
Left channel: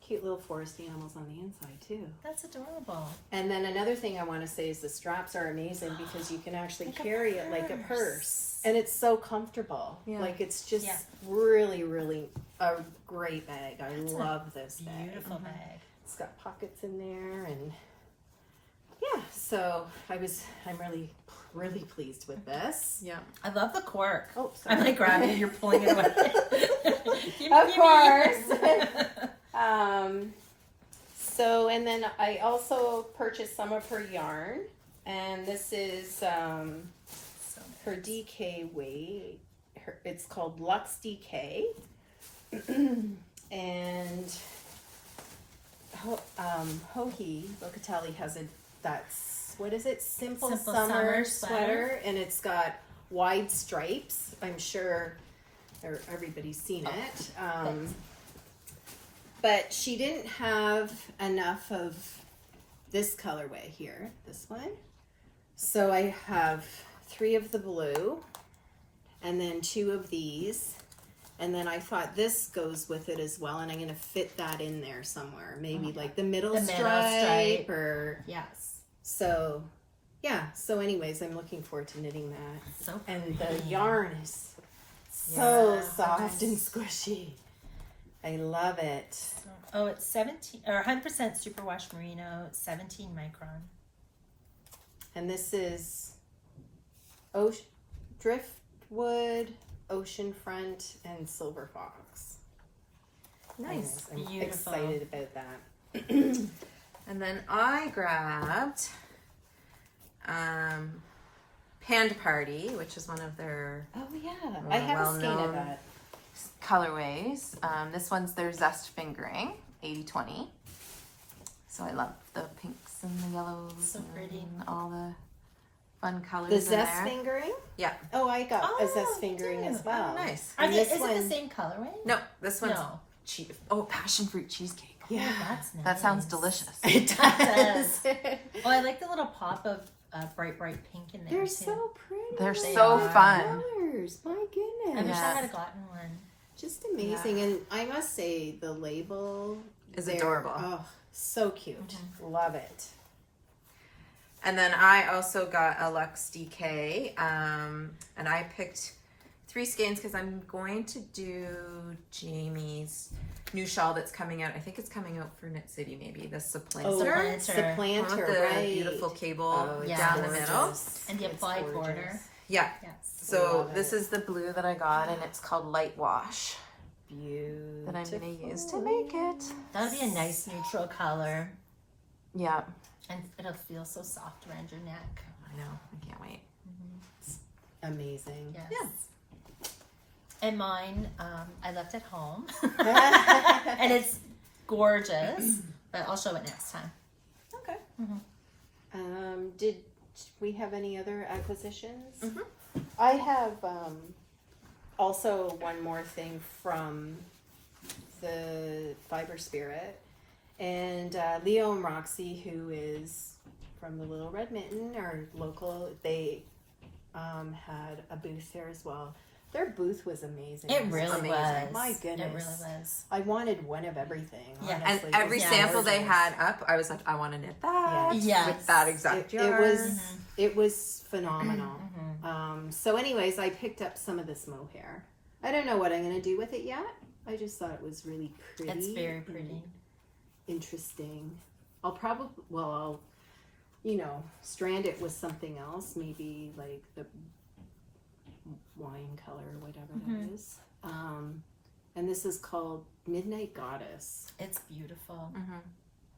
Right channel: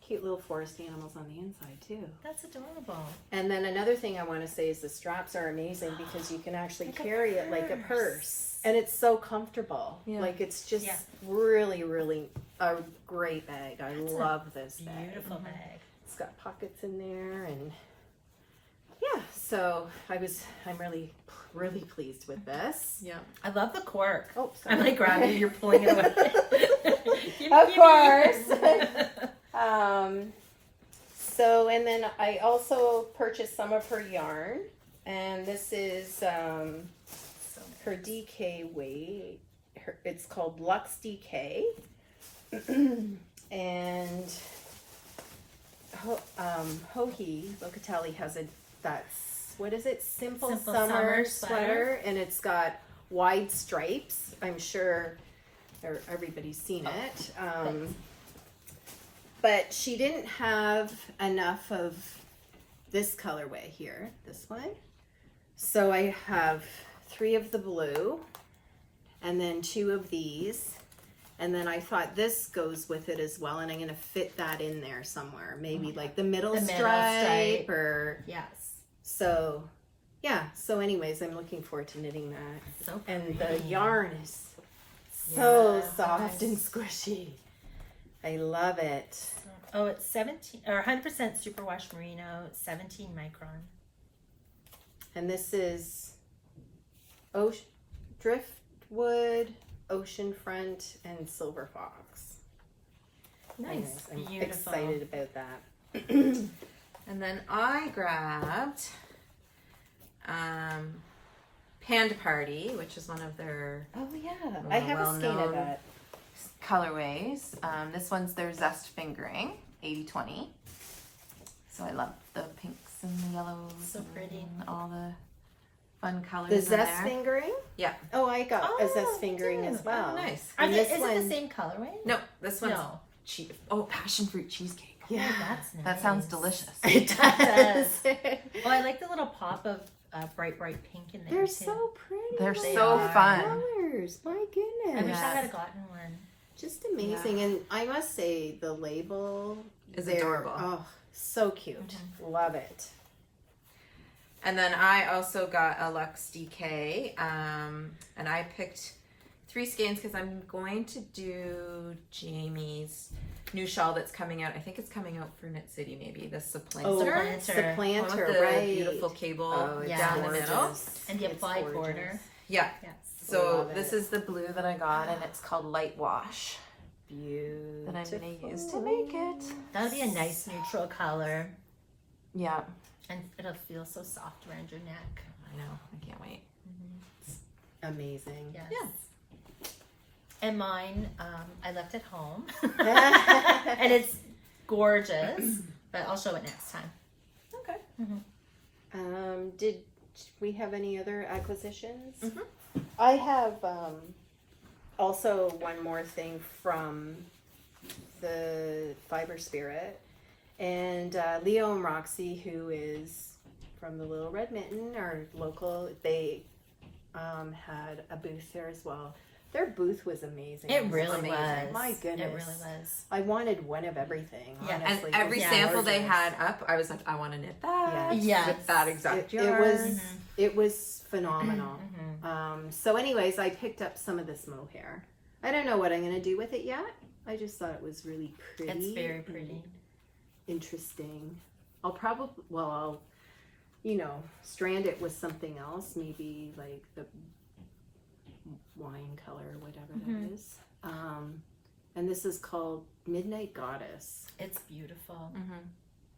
cute little forest animals on the inside too. That's adorable. And then another thing I want to say is the straps are amazing because you can actually Like a carry it like a purse. purse. And it's so comfortable. Yeah. Like it's just Yeah. really, really a great bag. I love this bag. Beautiful bag. It's got pockets in there, and yeah, so I'm really, really pleased with this. Yeah. I love the cork. Oh, sorry. I'm like grabbing it, you're pulling it away. Of course. So, and then I also purchased some of her yarn, and this is her DK weight. It's called Luxe DK, and Hohi Locatelli has what is it? Simple Summer sweater, and it's got wide stripes. I'm sure everybody's seen it. But she didn't have enough of this colorway here, this one. So I have 3 of the blue, and then 2 of these. And then I thought this goes with it as well, and I'm going to fit that in there somewhere. Maybe like the middle stripe or... Yes. So, yeah. So anyways, I'm looking forward to knitting that. So And pretty. the yarn is so Yes, soft and nice. squishy. I love it. Oh, it's 100% superwash merino, 17 micron. And this is driftwood, oceanfront, and silver fox. Nice. I'm Beautiful. excited about that. And then I grabbed Panda Party, which is one of their Oh yeah, I have a skein of well-known that. colorways. This one's their Zest Fingering, 80/20. So I love the pinks and the yellows. So pretty. And all the fun colors The in zest there. fingering? Yeah. Oh, I got a Oh, zest fingering dude. as well. Oh, nice. Is this it one- the same colorway? No, this one's No. passion fruit cheesecake. Yeah. Oh, that's nice. That sounds delicious. It does. does. Oh, I like the little pop of bright pink in there. They're too. so pretty. They're Like so the fun. colors. My I goodness. wish I had gotten one. Just amazing. And I must say, the label Is there- adorable. Oh, so cute. Love it. And then I also got a Luxe DK, and I picked 3 skeins because I'm going to do Jamie's new shawl that's coming out. I think it's coming out for Knit City, maybe the supplanter. Oh, Supplanter. One with supplanter, the right? beautiful cable Oh, it's down the gorgeous. middle. And the It's applied gorgeous. border. Yeah. Yes. So Love this it. is the blue that I got, and it's called Light Wash Beautiful. that I'm going to use to make it. That would be a nice neutral color. Yeah, And it'll feel so soft around your neck. I know. I can't wait. Amazing. Yes. Yeah. And mine, I left at home. And it's gorgeous. But I'll show it next time. Okay. Did we have any other acquisitions? Mhm. I have also one more thing from the Fiber Spirit. And Leo and Roxy, who is from the Little Red Mitten, our local, they had a booth there as well. Their booth was amazing. It really amazing. was. My goodness. It really was. I wanted one of everything. Yeah, honestly. And every It was sample they gorgeous. had up, I was like, I want to knit that. Yes. With that exact It yarn. was it was phenomenal. Mhm. So anyways, I picked up some of this mohair. I don't know what I'm gonna do with it yet. I just thought it was really pretty. It's very and pretty. interesting. I'll strand it with something else, maybe like the wine color or whatever that is. And this is called Midnight Goddess. It's beautiful.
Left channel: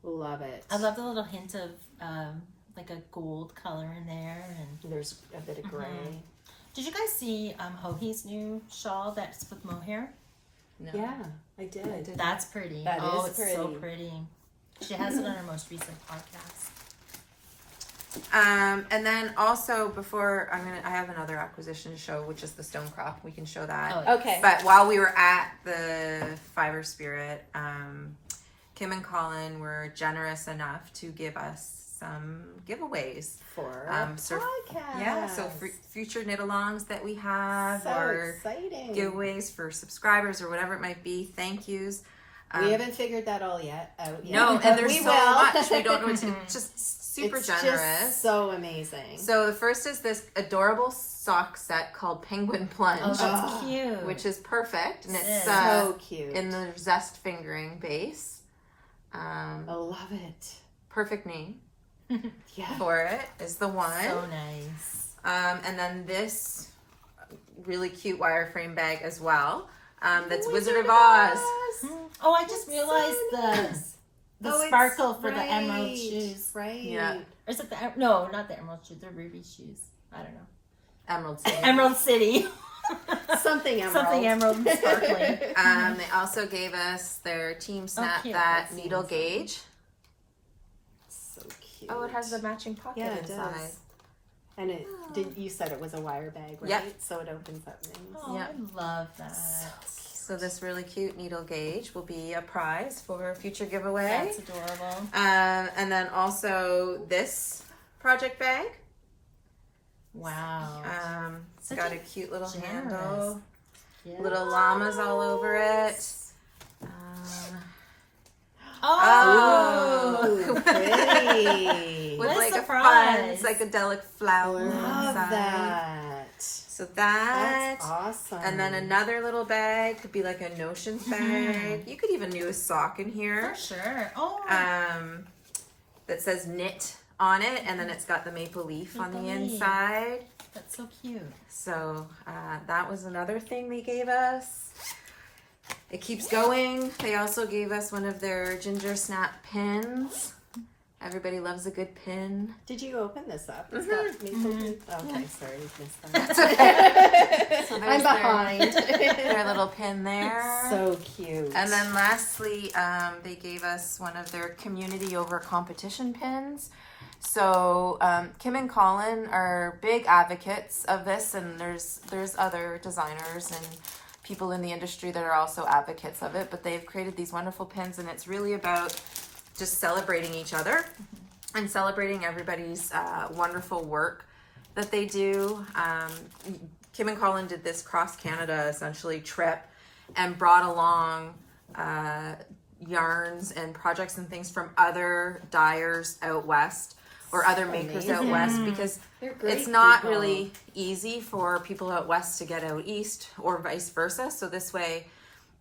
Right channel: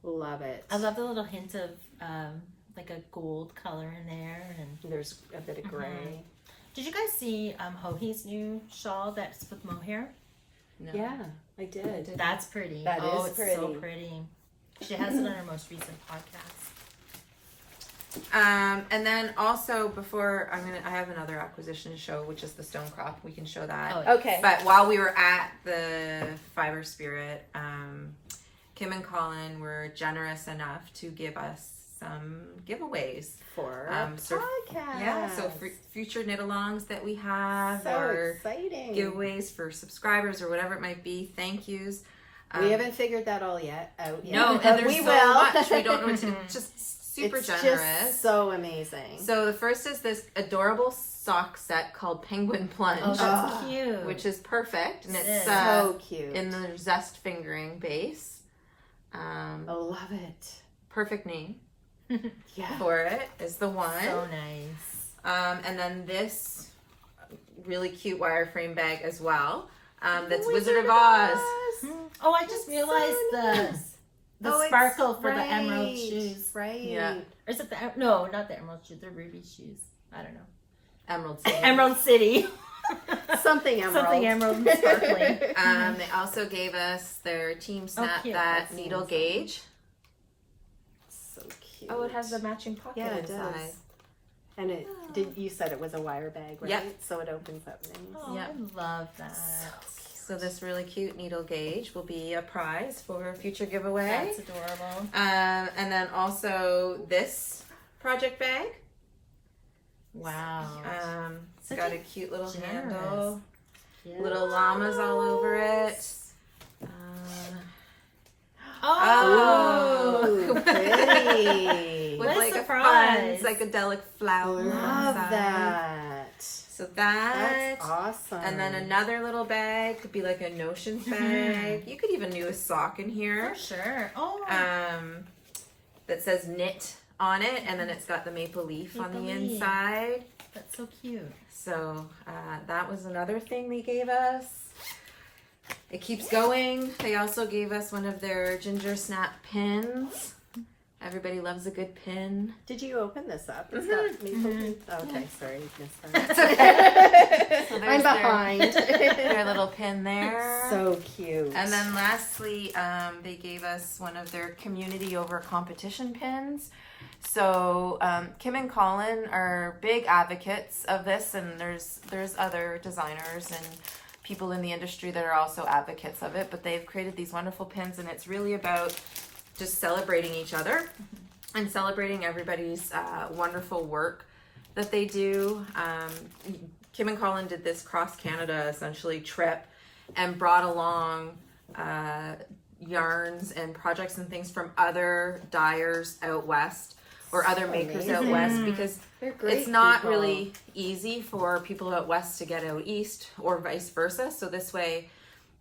Love it. I love the little hint of like a gold color in there. And There's a bit of gray. did you guys see Hohi's new shawl that's with mohair? No. Yeah, I did. That's pretty. That oh, is it's so pretty. pretty. She has it on her most recent podcast. And then also before I have another acquisition to show, which is the Stonecrop. We can show that. Oh, Okay. But while we were at the Fiber Spirit, Kim and Colin were generous enough to give us some giveaways. For so- podcast. Yeah, so future knit-alongs that we have, so or exciting. giveaways for subscribers or whatever it might be. Thank yous. We haven't figured that all out yet. No, but and there's we so will. much. We don't know what to do. Just super it's generous. Just so amazing. So the first is this adorable sock set called Penguin Plunge, Oh, that's Oh, cute. which is perfect, and it's so cute. in the zest fingering base. I love it. Perfect name Yeah. for it is the one. so nice. And then this really cute wireframe bag as well. That's Wizard of Oz. Oh, I just realized the Oh, it's sparkle for the right, emerald shoes. Right. Yeah. Or is it no, not the emerald shoes, the ruby shoes. I don't know. Emerald City. Emerald City. Something emerald. Something emerald and sparkling. They also gave us their Team Snap cute. that That needle seems gauge. So cute. Oh, it has the matching pocket Yeah, it inside. does. And it did. You said it was a wire bag, right? Yep. So it opens up nice. Oh, Yeah. I love that. So this really cute needle gauge will be a prize for a future giveaway. That's adorable. And then also this project bag. Wow. It's Such got a a cute little generous. handle, Yeah. little llamas all over it. Oh, Ooh, pretty. With What a like surprise. a fun psychedelic flower. Love inside. that. So that. That's awesome. And then another little bag could be like a notions bag. You could even do a sock in here. for sure. Oh, That says knit on it, and then it's got the maple leaf on the Maple leaf. inside. that's so cute. So that was another thing they gave us. It keeps going. They also gave us one of their Ginger Snap pins. Everybody loves a good pin. Did you open this up? It's got maple. Okay, sorry, missed that. That's okay. So I'm there's behind. their little pin there. So cute. And then lastly, they gave us one of their community over competition pins. So Kim and Colin are big advocates of this, and there's other designers and people in the industry that are also advocates of it, but they've created these wonderful pins, and it's really about just celebrating each other and celebrating everybody's wonderful work that they do. Kim and Colin did this cross Canada essentially trip and brought along yarns and projects and things from other dyers out west or other makers out west, because it's not really easy for people out west to get out east or vice versa. So this way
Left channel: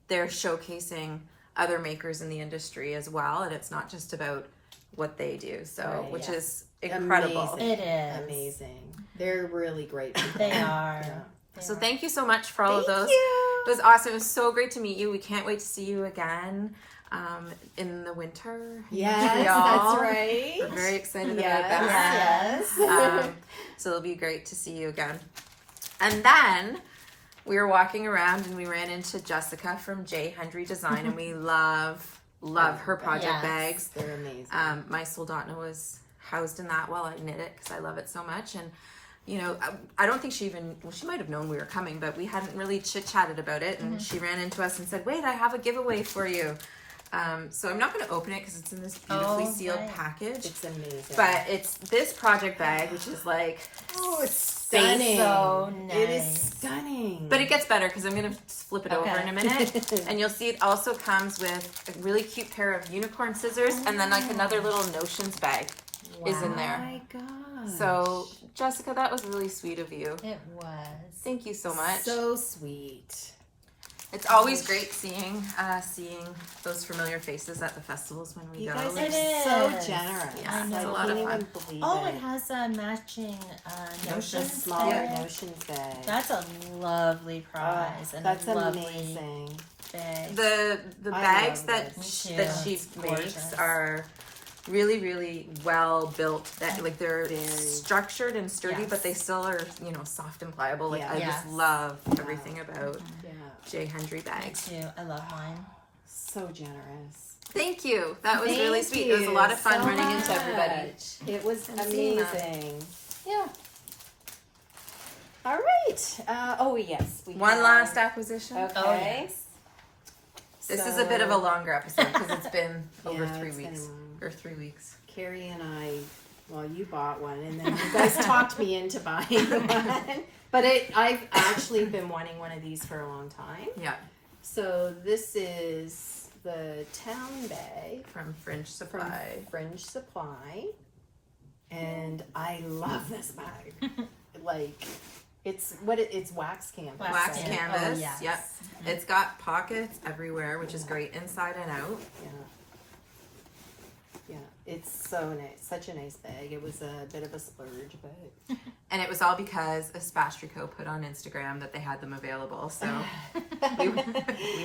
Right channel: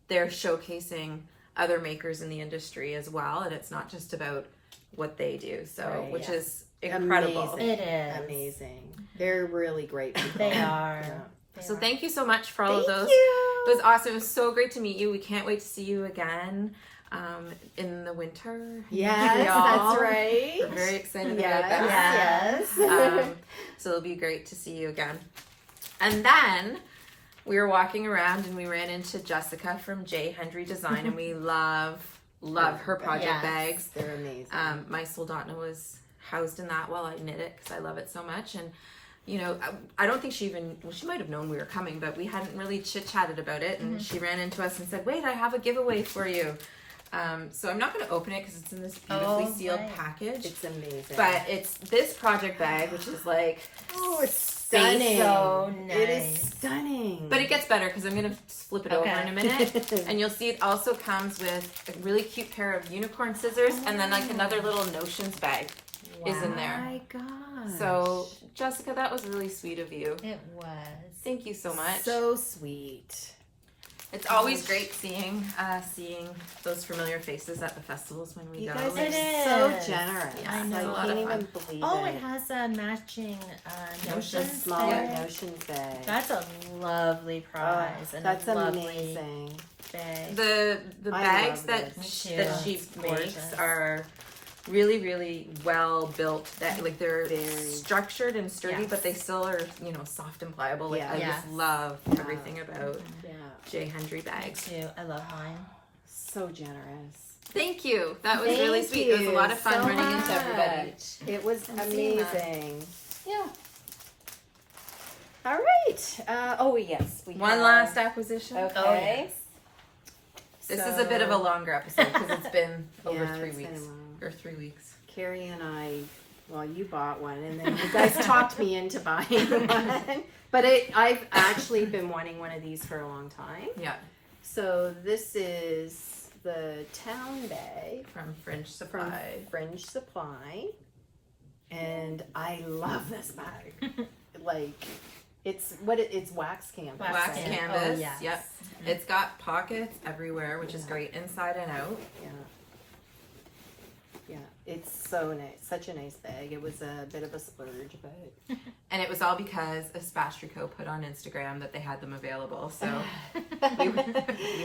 they're showcasing other makers in the industry as well, and it's not just about what they do. So which is incredible. Amazing. It is amazing. They're really great people. They are. Yeah. So thank you so much for all of those. You. It was awesome. It was so great to meet you. We can't wait to see you again in the winter. Yes, that's right. We're very excited about that. Yes. So it'll be great to see you again. And then we were walking around and we ran into Jessica from J. Hendry Design, and we love her project bags. They're amazing. My Soldotna was housed in that while I knit it because I love it so much. And you know, I don't think she might have known we were coming, but we hadn't really chit-chatted about it. And she ran into us and said, wait, I have a giveaway for you. So I'm not going to open it because it's in this beautifully sealed package. It's amazing. But it's this project bag, which is like, it's stunning. So nice. It is stunning. but it gets better because I'm going to flip it over in a minute. And you'll see it also comes with a really cute pair of unicorn scissors and then like another little notions bag is in there. Oh my gosh. So Jessica, that was really sweet of you. It was. Thank you so much. So sweet. It's always great seeing those familiar faces at the festivals when we You go. guys It are so is. generous. Yeah, I know. I it's a lot can't of even fun. believe Oh, it. it has a matching The notions smaller bag. notions bag. That's a lovely prize and That's a lovely amazing. bag. The I bags love that this. Me too. that she It's makes gorgeous. are really, really well built. That like they're Very. structured and sturdy, Yes. but they still are, you know, soft and pliable. Like Yeah. I Yes. just love everything about Yeah. J. Hendry Me bags. too. I love mine. So generous. Thank you. That was really Thank sweet. It was a lot of fun so running into everybody. much. It was And seeing that. amazing. Yeah. All right. Oh yes, we One have- last acquisition. Okay. Oh, yes. This is a bit of a longer episode because it's been over Yeah, 3 it's been weeks long. or 3 weeks. Carrie and I, well, you bought one, and then you guys talked me into buying one. But I've actually been wanting one of these for a long time. Yeah, So this is the town bag from Fringe from Supply. Fringe Supply, and I love this bag. Like, it's wax canvas. Wax Wax right? canvas. Oh, yes. Yep. It's got pockets everywhere, which is great inside and out. Yeah. Yeah, it's so nice. Such a nice bag. It was a bit of a splurge, but And it was all because a Spastrico put on Instagram that they had them available. So we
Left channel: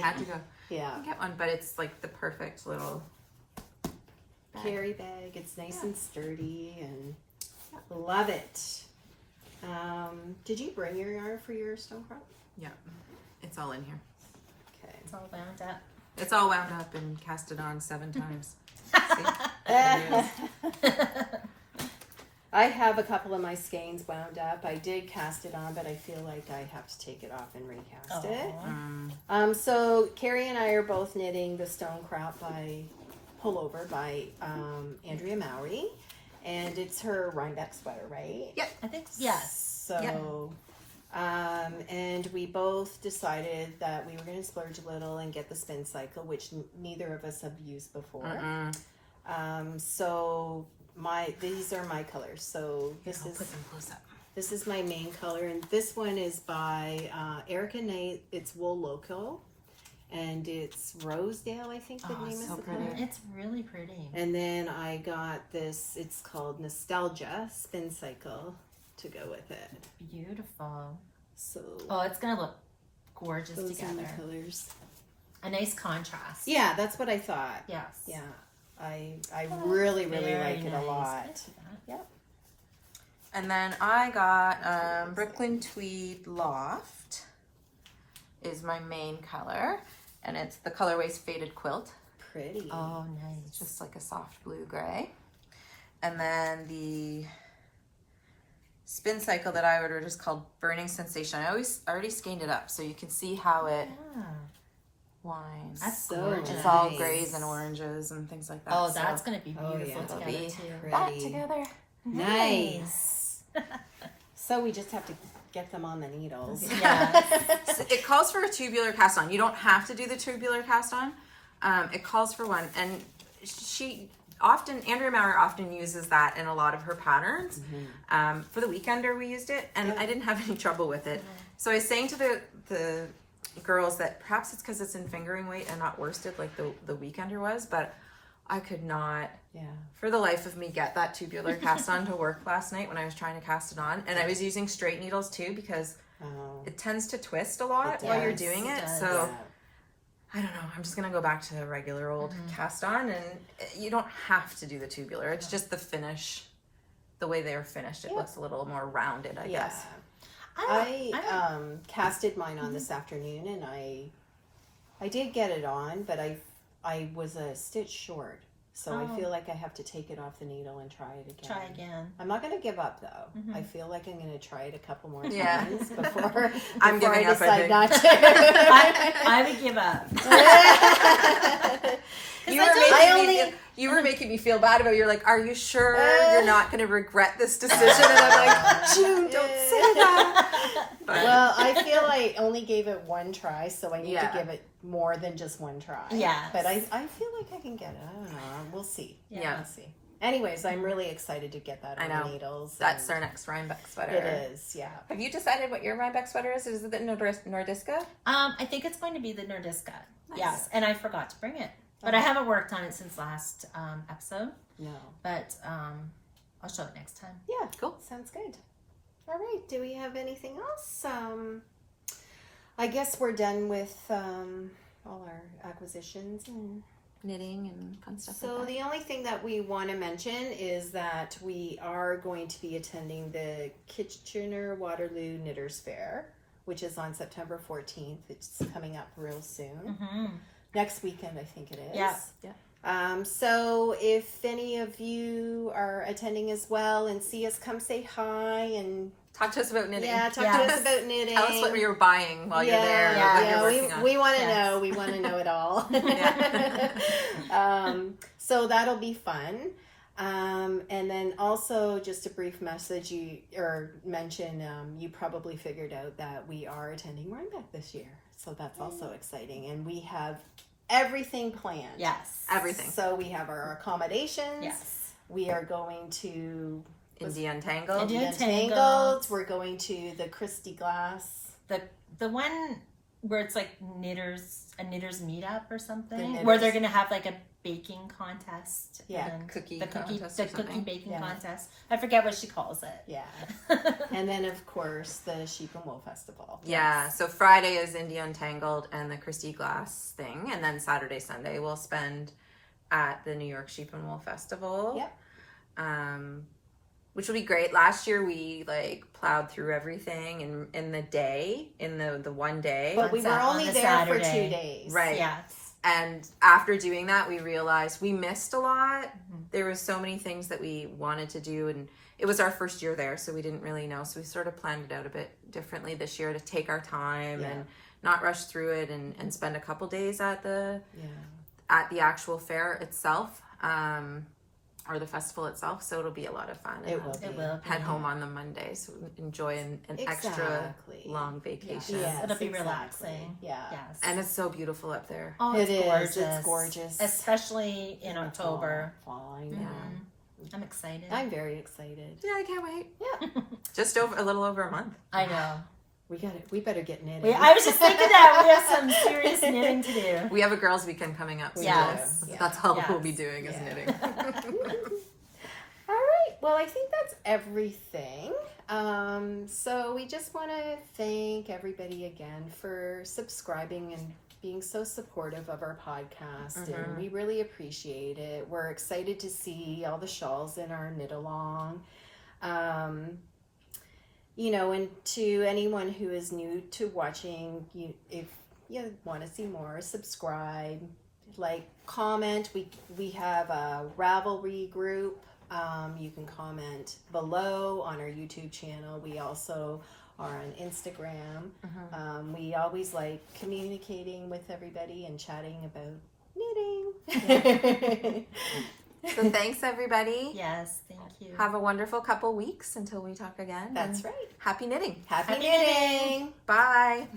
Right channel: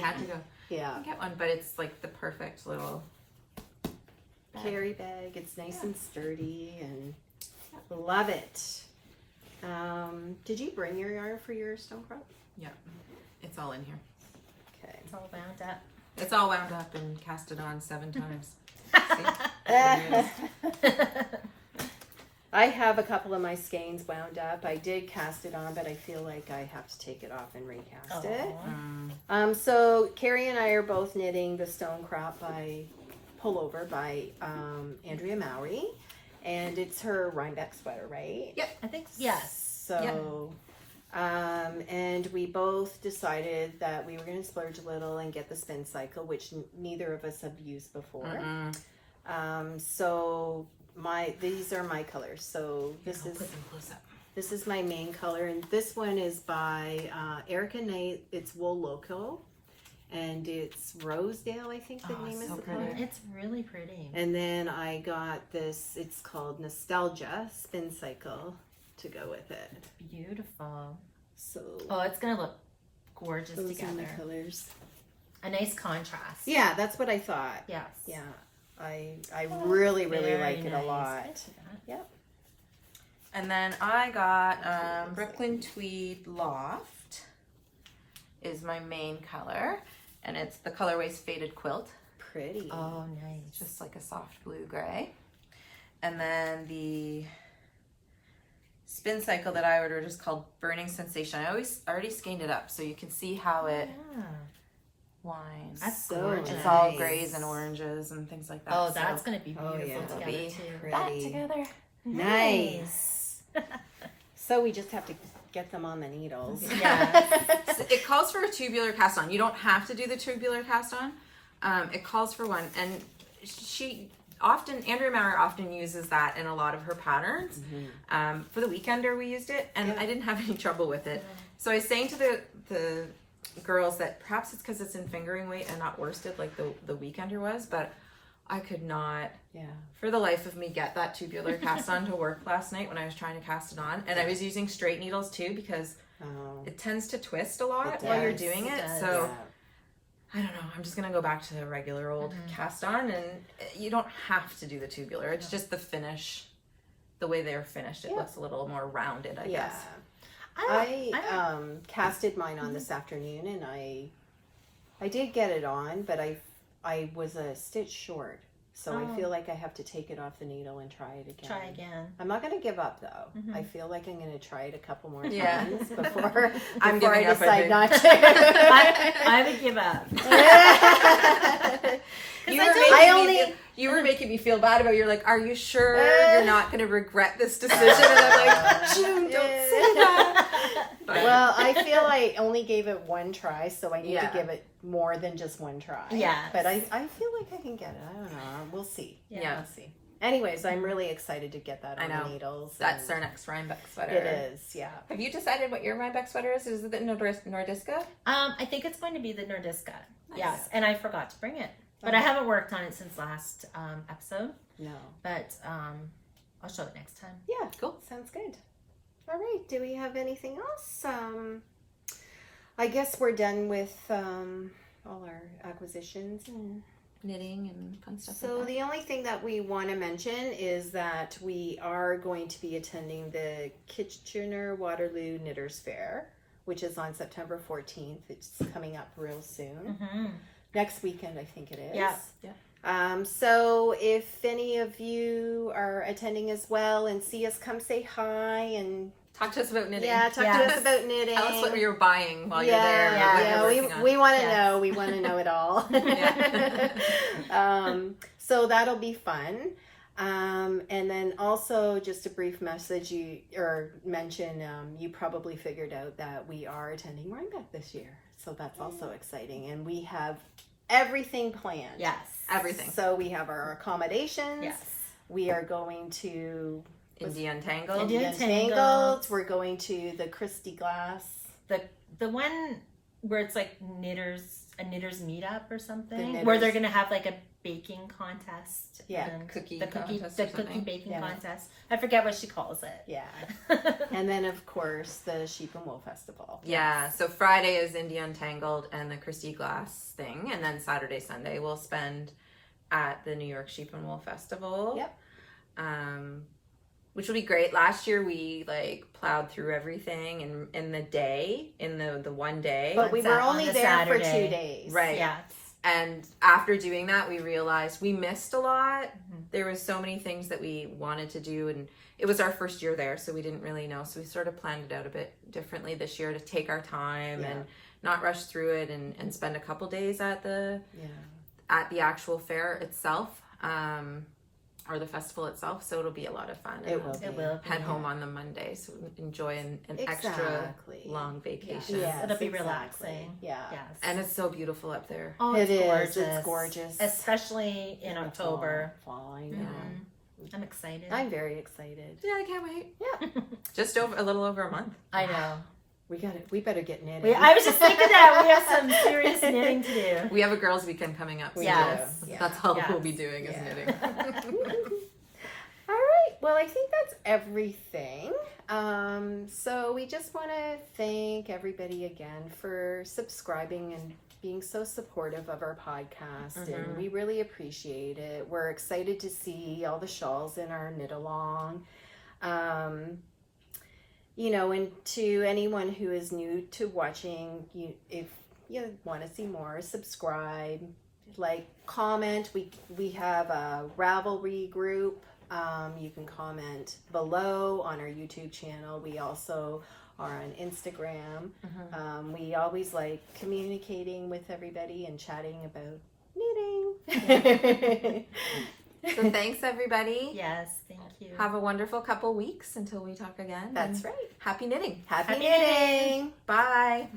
had to go yeah. get one. But it's like the perfect little bag. Carry bag. It's nice and sturdy, and love it. Did you bring your yarn for your Stonecrop? Yeah, it's all in here. Okay. It's all wound up. It's all wound up and casted on 7 times. See? I have a couple of my skeins wound up. I did cast it on, but I feel like I have to take it off and recast it. Aw. So Carrie and I are both knitting the Stonecrop by Pullover by Andrea Mowry, and it's her Rhinebeck sweater, right? Yep. I think yes. So, and we both decided that we were going to splurge a little and get the spin cycle, which neither of us have used before. So these are my colors. So I'll put them close up. this is my main color, and this one is by Erica Knight. It's Wool Loco, and it's Rosedale, I think the Oh, name is so the pretty. color. It's really pretty. And then I got this. It's called Nostalgia Spin Cycle to go with it. Beautiful. So Oh, it's gonna look gorgeous those are together. the colors. A nice contrast. Yeah, that's what I thought. Yes. Yeah, I really Very like it a nice. lot. I see that. And then I got Brooklyn Tweed Loft is my main color. And it's the colorway's Faded Quilt. Pretty. Oh, nice. Just like a soft blue gray. And then the spin cycle that I ordered is called Burning Sensation. I already scanned it up so you can see how it winds. That's So gorgeous. It's all grays and oranges and things like that. Oh, that's going to be beautiful yeah. It'll together be too. that Pretty. together. Nice. So we just have to get them on the needles. Yeah. So it calls for a tubular cast on. You don't have to do the tubular cast on. It calls for one, and Andrea Mowry often uses that in a lot of her patterns. For the Weekender we used it, and I didn't have any trouble with it. So I was saying to the girls that perhaps it's because it's in fingering weight and not worsted like the Weekender was, but I could not, for the life of me, get that tubular cast on to work last night when I was trying to cast it on. And I was using straight needles too because it tends to twist a lot while you're doing it. So I don't know. I'm just going to go back to regular old cast on, and you don't have to do the tubular. It's just the finish, the way they're finished. It looks a little more rounded, I guess. I casted mine on this afternoon, and I did get it on, but I was a stitch short. So I feel like I have to take it off the needle and try it again. Try again. I'm not going to give up though. I feel like I'm going to try it a couple more times Yeah. before I'm I giving up, I decide think. not to. I would give up. You were making me feel bad about it. You're like, are you sure you're not going to regret this decision? And I'm like, June, don't say that. But, Well, I feel I only gave it one try, so I need to give it more than just one try. Yes. But I feel like I can get it. I don't know. We'll see. Yeah. We'll see. Anyways, I'm really excited to get that on I know. the needles. that's and our next Rhinebeck sweater. It is, yeah. Have you decided what your Rhinebeck sweater is? Is it the Nordiska? I think it's going to be the Nordiska. Nice. Yes, and I forgot to bring it. But I haven't worked on it since last episode. No. But I'll show it next time. Yeah, cool. Sounds good. All right. Do we have anything else? I guess we're done with all our acquisitions and Knitting and fun stuff so like that. the only thing that we want to mention is that we are going to be attending the Kitchener-Waterloo Knitters Fair, which is on September 14th. It's coming up real soon. Next weekend, I think it is. Yeah. So if any of you are attending as well and see us, come say hi and Talk to us about knitting. talk to us about knitting. Tell us what you're buying while you're there. Yeah, what you're working on. we want to Yes. know. We want to know it all. So that'll be fun. And then also just a brief message mention, you probably figured out that we are attending Rhinebeck this year. So that's also exciting. And we have everything planned. Yes. Everything. So we have our accommodations. Yes. We are going to India Untangled. India Untangled. Untangled. We're going to the Christie Glass. The one where it's like a knitters meetup or something, knitters. where they're gonna have like a baking contest. Yeah. and Cookie the cookie contest the or cookie something. baking Yeah. contest. I forget what she calls it. Yeah. And then, of course, the Sheep and Wool Festival. Yeah, so Friday is India Untangled and the Christie Glass thing, and then Saturday, Sunday we'll spend at the New York Sheep and Wool Festival. Yep. Which will be great. Last year we plowed through everything in the one day. But we were On only the there for Saturday. 2 days. Right. Yes. And after doing that, we realized we missed a lot. There were so many things that we wanted to do, and it was our first year there, so we didn't really know. So we sort of planned it out a bit differently this year to take our time and not rush through it and spend a couple days at the actual fair itself, or the festival itself. So it'll be a lot of fun. It will be. It will. Head home on the Monday, so enjoy an extra long vacation. Yes, It'll be exactly. relaxing. Yeah. Yes. And it's so beautiful up there. Oh, It it's is. gorgeous. It's gorgeous. Especially in October. Fall, I know. I'm excited. I'm very excited. Yeah, I can't wait. Yeah. Just a little over a month. I know. We better get knitting. I was just thinking that we have some serious knitting to do. We have a girls' weekend coming up. So Yes. that's all Yes. we'll be doing is knitting. All right. Well, I think that's everything. So we just want to thank everybody again for subscribing and being so supportive of our podcast. And we really appreciate it. We're excited to see all the shawls in our knit along. And to anyone who is new to watching, if you want to see more, subscribe, comment. We have a Ravelry group. You can comment below on our YouTube channel. We also are on Instagram. We always like communicating with everybody and chatting about knitting. So thanks, everybody. Yes, thank you. Have a wonderful couple weeks until we talk again. That's and right. Happy knitting. Happy Happy knitting. Bye.